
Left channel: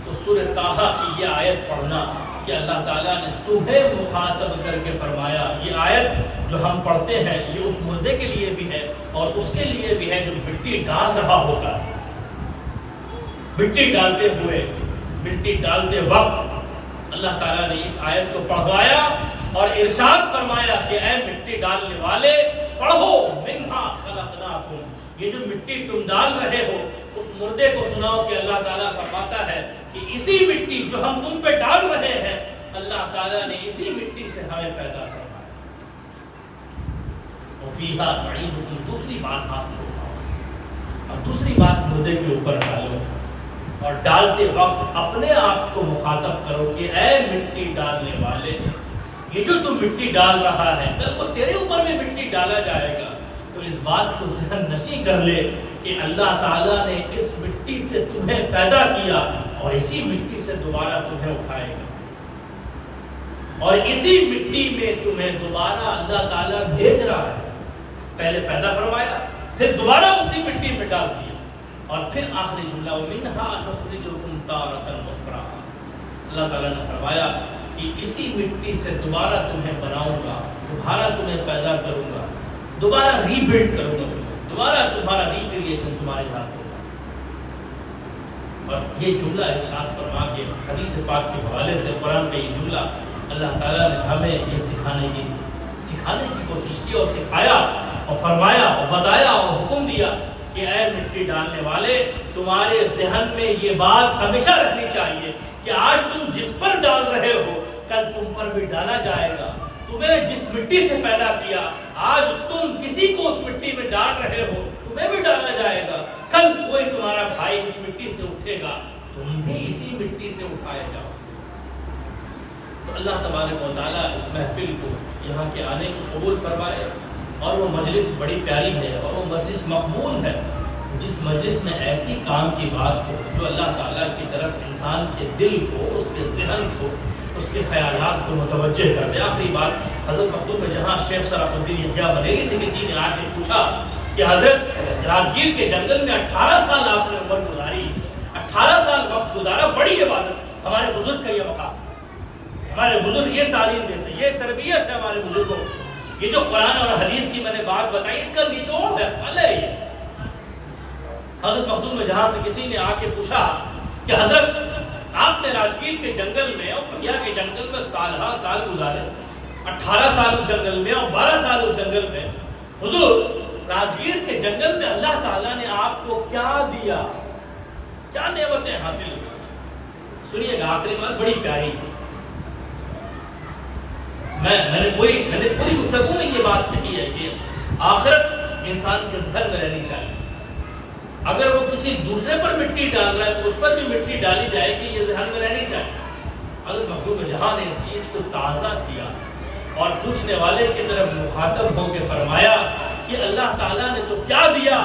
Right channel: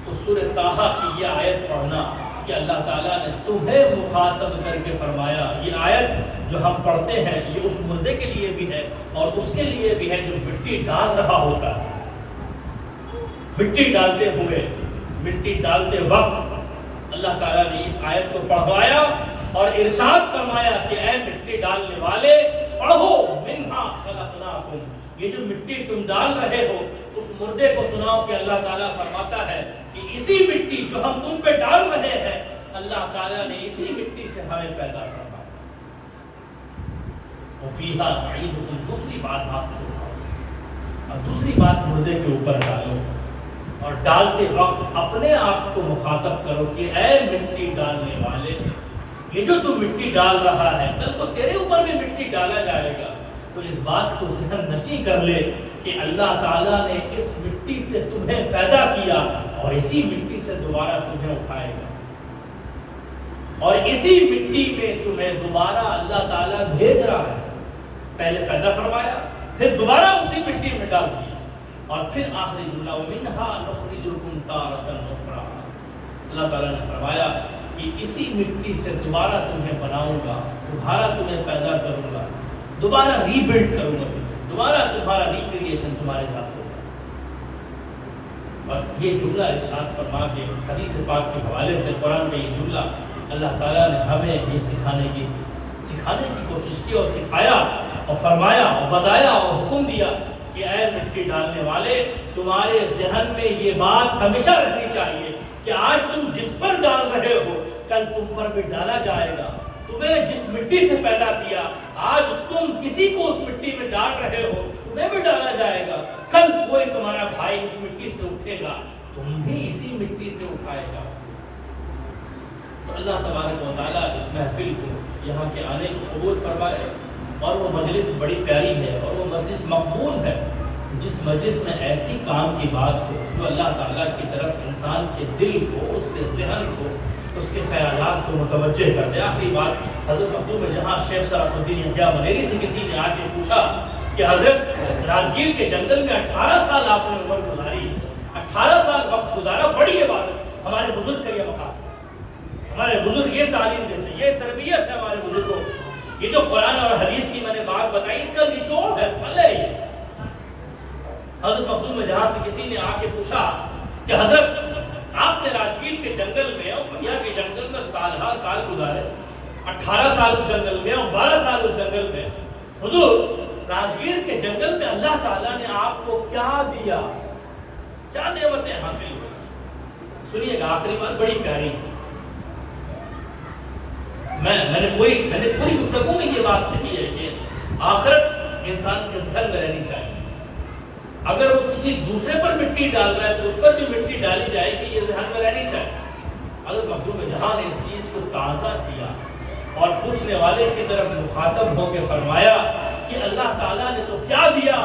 تو سورہ طٰہٰ کی یہ آیت پڑھنا کہ اللہ تعالیٰ نے تمہیں مخاطب کر کے فرمایا. یہ آیت جو ہم پڑھتے ہیں یہ اس مردے کے لیے بھی ہے اور اس کے لیے بھی ہے جو مٹی ڈال رہا ہوتا ہے. مٹی ڈالتے ہوئے, مٹی ڈالتے وقت اللہ تعالیٰ نے اس آیت کو پڑھوایا اور ارشاد فرمایا کہ اے مٹی ڈالنے والے پڑھو, منہا خلقناکم. یہ جو مٹی تم ڈال رہے ہو اس مردے کو سناؤ کہ اللہ تعالیٰ فرماتا ہے کہ اسی مٹی جو ہم تم پہ ڈال رہے ہیں اللہ تعالیٰ نے اسی مٹی سے ہمیں پیدا کرنا. وفیہا نعیدکم. دوسری بات آپ سے اور دوسری بات مردے کے اوپر ڈالو اور ڈالتے وقت اپنے آپ کو مخاطب کرو کہ اے مٹی ڈالنے والے, یہ جو تم مٹی ڈال رہا ہے کل کو تیرے اوپر بھی مٹی ڈالا جائے گا. تو اس بات کو ذہن نشی کر لے کہ اللہ تعالیٰ نے اس مٹی سے تمہیں پیدا کیا اور اسی مٹی سے دوبارہ تمہیں اٹھائے گا اور اسی مٹی میں تمہیں دوبارہ اللہ تعالیٰ بھیج رہا ہے. پہلے پیدا فرمایا, پھر دوبارہ اسی مٹی میں ڈال دیا اور پھر آخری جملہ وَمِنْهَا نُخْرِجُكُمْ تَارَةً أُخْرَىٰ. اللہ تعالیٰ نے فرمایا کہ اسی مٹی سے دوبارہ تمہیں بناؤں گا, دوبارہ تمہیں پیدا کروں گا, دوبارہ ری بلڈ کروں گا, دوبارہ تمہارا ری کریشن تمہارے ہاتھ ہوگا. اور یہ جملہ ارشاد فرما کے حدیث پاک کے حوالے سے قرآن کا یہ جملہ اللہ تعالیٰ نے ہمیں یہ سکھانے کی کوشش کی اور سکھایا اور فرمایا اور بتایا اور حکم دیا کہ اے مٹی ڈالنے والے, تمہارے ذہن میں یہ بات ہمیشہ رکھنی چاہیے کہ آج تم جس پر ڈال رہے ہو کل تم پر بھی ڈالا جائے گا. تمہیں جس مٹی سے پیدا کیا آج تم کسی کو اس مٹی میں ڈال رہے ہو, تمہیں بھی ڈالا جائے گا. کل کوئی تمہارا بھائی اس مٹی سے اٹھے گا, تم بھی اسی مٹی سے اٹھائے جاؤ. تو اللہ تبارک و تعالیٰ اس محفل کو, یہاں کے آنے کو قبول فرمائے. اور وہ مجلس بڑی پیاری ہے اور وہ مجلس مقبول ہے جس مجلس میں ایسی کام کی بات ہو جو اللہ تعالیٰ کی طرف انسان کے دل کو, اس کے ذہن کو, اس کے خیالات کو متوجہ کر دے. آخری بات, حضرت مکتوم میں جہاں شیخ صلاح الدین یحییٰ بریلوی سے کسی نے آ کے پوچھا کہ حضرت راجگیر کے جنگل میں 18 سال آپ نے عمر گزاری, 18 سال وقت گزارا, بڑی عبادت, ہمارے بزرگ کا یہ مقام, ہمارے بزرگ یہ تعلیم دیتے, یہ تربیت ہے ہمارے بزرگوں. یہ جو قرآن اور حدیث کی میں نے بات بتائی اس کا نچوڑ ہے, پھل ہے یہ. حضرت مکتوم میں جہاں سے کسی نے آ کے پوچھا کہ حضرت آپ نے راجگیر کے جنگل میں اور پگیا کے جنگل میں سال ہر سال گزارے, 18 سال اس جنگل میں اور 12 سال اس جنگل میں. حضور راجگیر کے جنگل میں اللہ تعالیٰ نے آپ کو کیا دیا, کیا نعمتیں حاصل ہوئی. سنیے گا آخری بات بڑی پیاری ہے. میں نے پوری گفتگو میں یہ بات کہی ہے کہ آخرت انسان کے ذہن میں رہنی چاہیے. اگر وہ کسی دوسرے پر مٹی ڈال رہا ہے تو اس پر بھی مٹی ڈالی جائے کہ یہ ذہن میں رہنی چاہیے. حضرت مخدوم جہاں نے اس چیز کو تازہ کیا اور پوچھنے والے کی طرف مخاطب ہو کے فرمایا کہ اللہ تعالیٰ نے تو کیا دیا,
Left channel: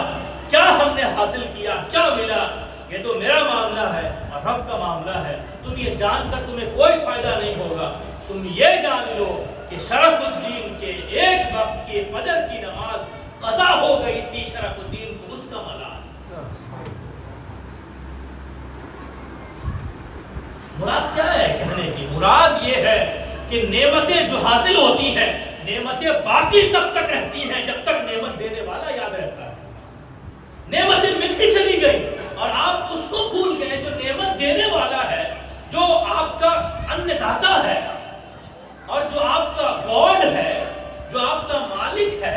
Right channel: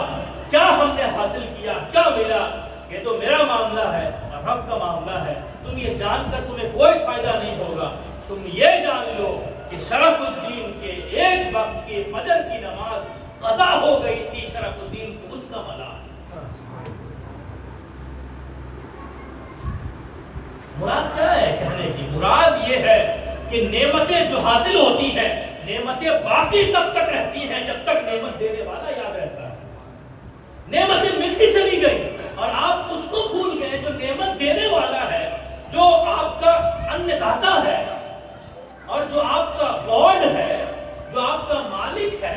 کیا ہم نے حاصل کیا, کیا ملا, یہ تو میرا معاملہ ہے اور رب کا معاملہ ہے. تم یہ جان کر تمہیں کوئی فائدہ نہیں ہوگا. تم یہ جان لو کہ شرف الدین کے ایک وقت کی فجر کی نماز قضا ہو گئی تھی. شرف الدین کو اس کا ملال. مراد کیا ہے کہنے کی؟ مراد یہ ہے کہ نعمتیں جو حاصل ہوتی ہیں, نعمتیں باقی تب تک رہتی ہیں جب تک نعمت دینے والا یاد رہتا ہے. نعمتیں ملتی چلی گئی اور آپ اس کو بھول گئے جو نعمت دینے والا ہے, جو آپ کا ان داتا ہے اور جو آپ کا گاڈ ہے, جو آپ کا مالک ہے,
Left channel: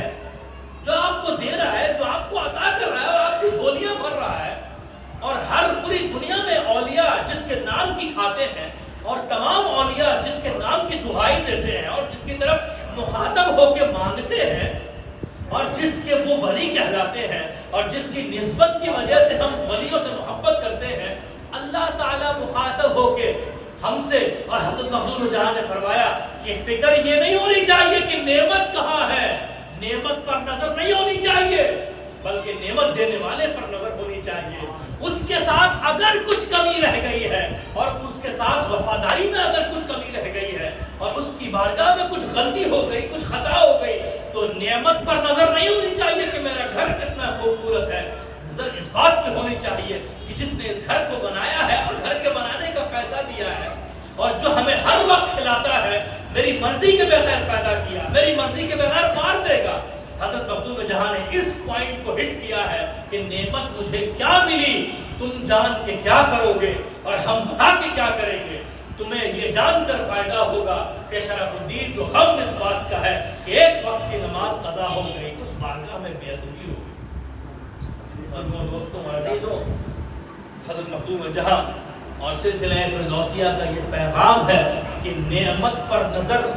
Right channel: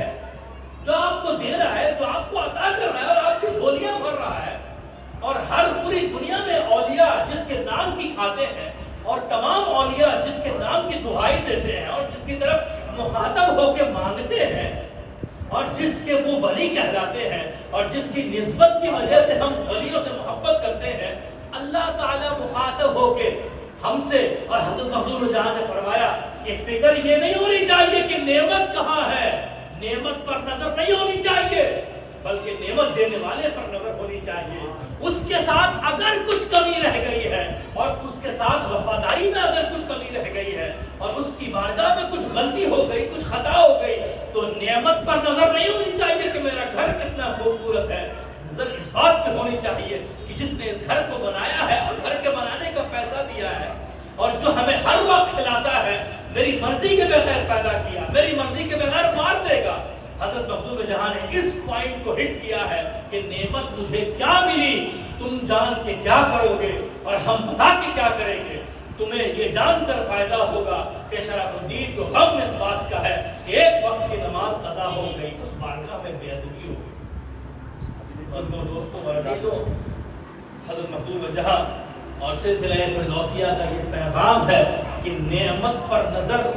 جو آپ کو دے رہا ہے, جو آپ کو عطا کر رہا ہے اور آپ کی جھولیاں بھر رہا ہے. اور ہر پوری دنیا میں اولیاء جس کے نام کی کھاتے ہیں اور تمام اولیاء جس کے نام کی دعائی دیتے ہیں اور جس کی طرف مخاطب ہو کے مانگتے ہیں اور جس کے وہ ولی کہلاتے ہیں اور جس کی نسبت کی وجہ سے ہم ولیوں سے محبت کرتے ہیں, اللہ تعالیٰ مخاطب ہو کے ہم سے. اور حضرت مخدوم جہاں نے فرمایا کہ فکر یہ نہیں ہونی چاہیے کہ نعمت کہاں ہے, نعمت پر نظر نہیں ہونی چاہیے بلکہ نعمت دینے والے پر نظر ہونی چاہیے. اس کے ساتھ اگر کچھ کمی رہ گئی ہے اور اس کے ساتھ وفاداری میں اگر کچھ کمی رہ گئی ہے اور اس کی بارگاہ میں کچھ غلطی ہو گئی, کچھ خطا ہو گئی, تو نعمت پر نظر نہیں ہونی چاہیے کہ میرا گھر کتنا خوبصورت ہے. نظر اس بات پہ ہونی چاہیے کہ جس نے اس گھر کو بنایا ہے اور گھر کے بنانے کا پیسہ دیا ہے اور جو ہمیں ہر وقت کھلاتا ہے, میری مرضی کے بغیر پیدا کیا, میری مرضی کے بغیر مار دے گا. حضرت مخدوم جہاں نے اس پوائنٹ کو ہٹ کیا ہے کہ نعمت مجھے کیا ملی, تم جان کے کیا کرو گے اور ہم بتا کے کیا کریں گے. تمہیں یہ جان کر فائدہ ہوگا کہ شرف الدین کو غم اس بات کا ہے کہ ایک وقت کی نماز قضا ہو گئی, اس بارگاہ میں بے ادبی ہو گئی. دوستوں اور عزیزوں, حضرت مخدوم جہاں اور سلسلہ فردوسیہ کا یہ پیغام ہے کہ نعمت پر نظر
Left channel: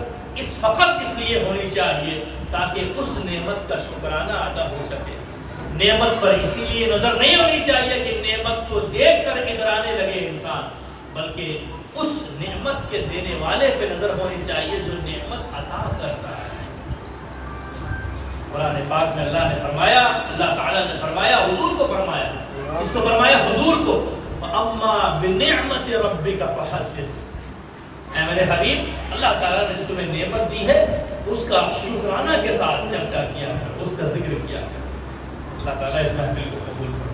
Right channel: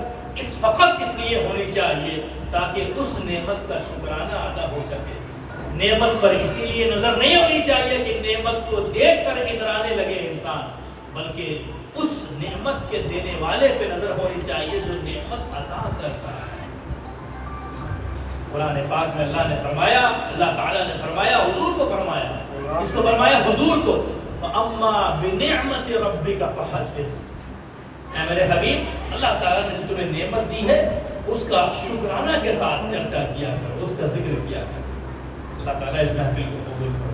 فقط اس لیے ہونی چاہیے تاکہ اس نعمت کا شکرانہ ادا ہو سکے. نعمت پر اسی لیے نظر نہیں ہونی چاہیے کہ نعمت کو دیکھ کر ادرانے لگے انسان, بلکہ اس نعمت کے دینے والے پہ نظر ہونی چاہیے جو نعمت عطا کرتا ہے. قرآن پاک میں اللہ نے فرمایا, اللہ تعالیٰ نے فرمایا, حضور کو فرمایا, اس کو فرمایا حضور کو, وَأَمَّا بِنِعْمَةِ رَبِّكَ فَحَدِّثْ. اے میرے حبیب, اللہ تعالیٰ نے تمہیں نعمت دی ہے اس کا شکرانہ کے ساتھ چرچا کیا ہے, اس کا ذکر کیا ہے. اللہ تعالیٰ اس محفل کو قبول کرے.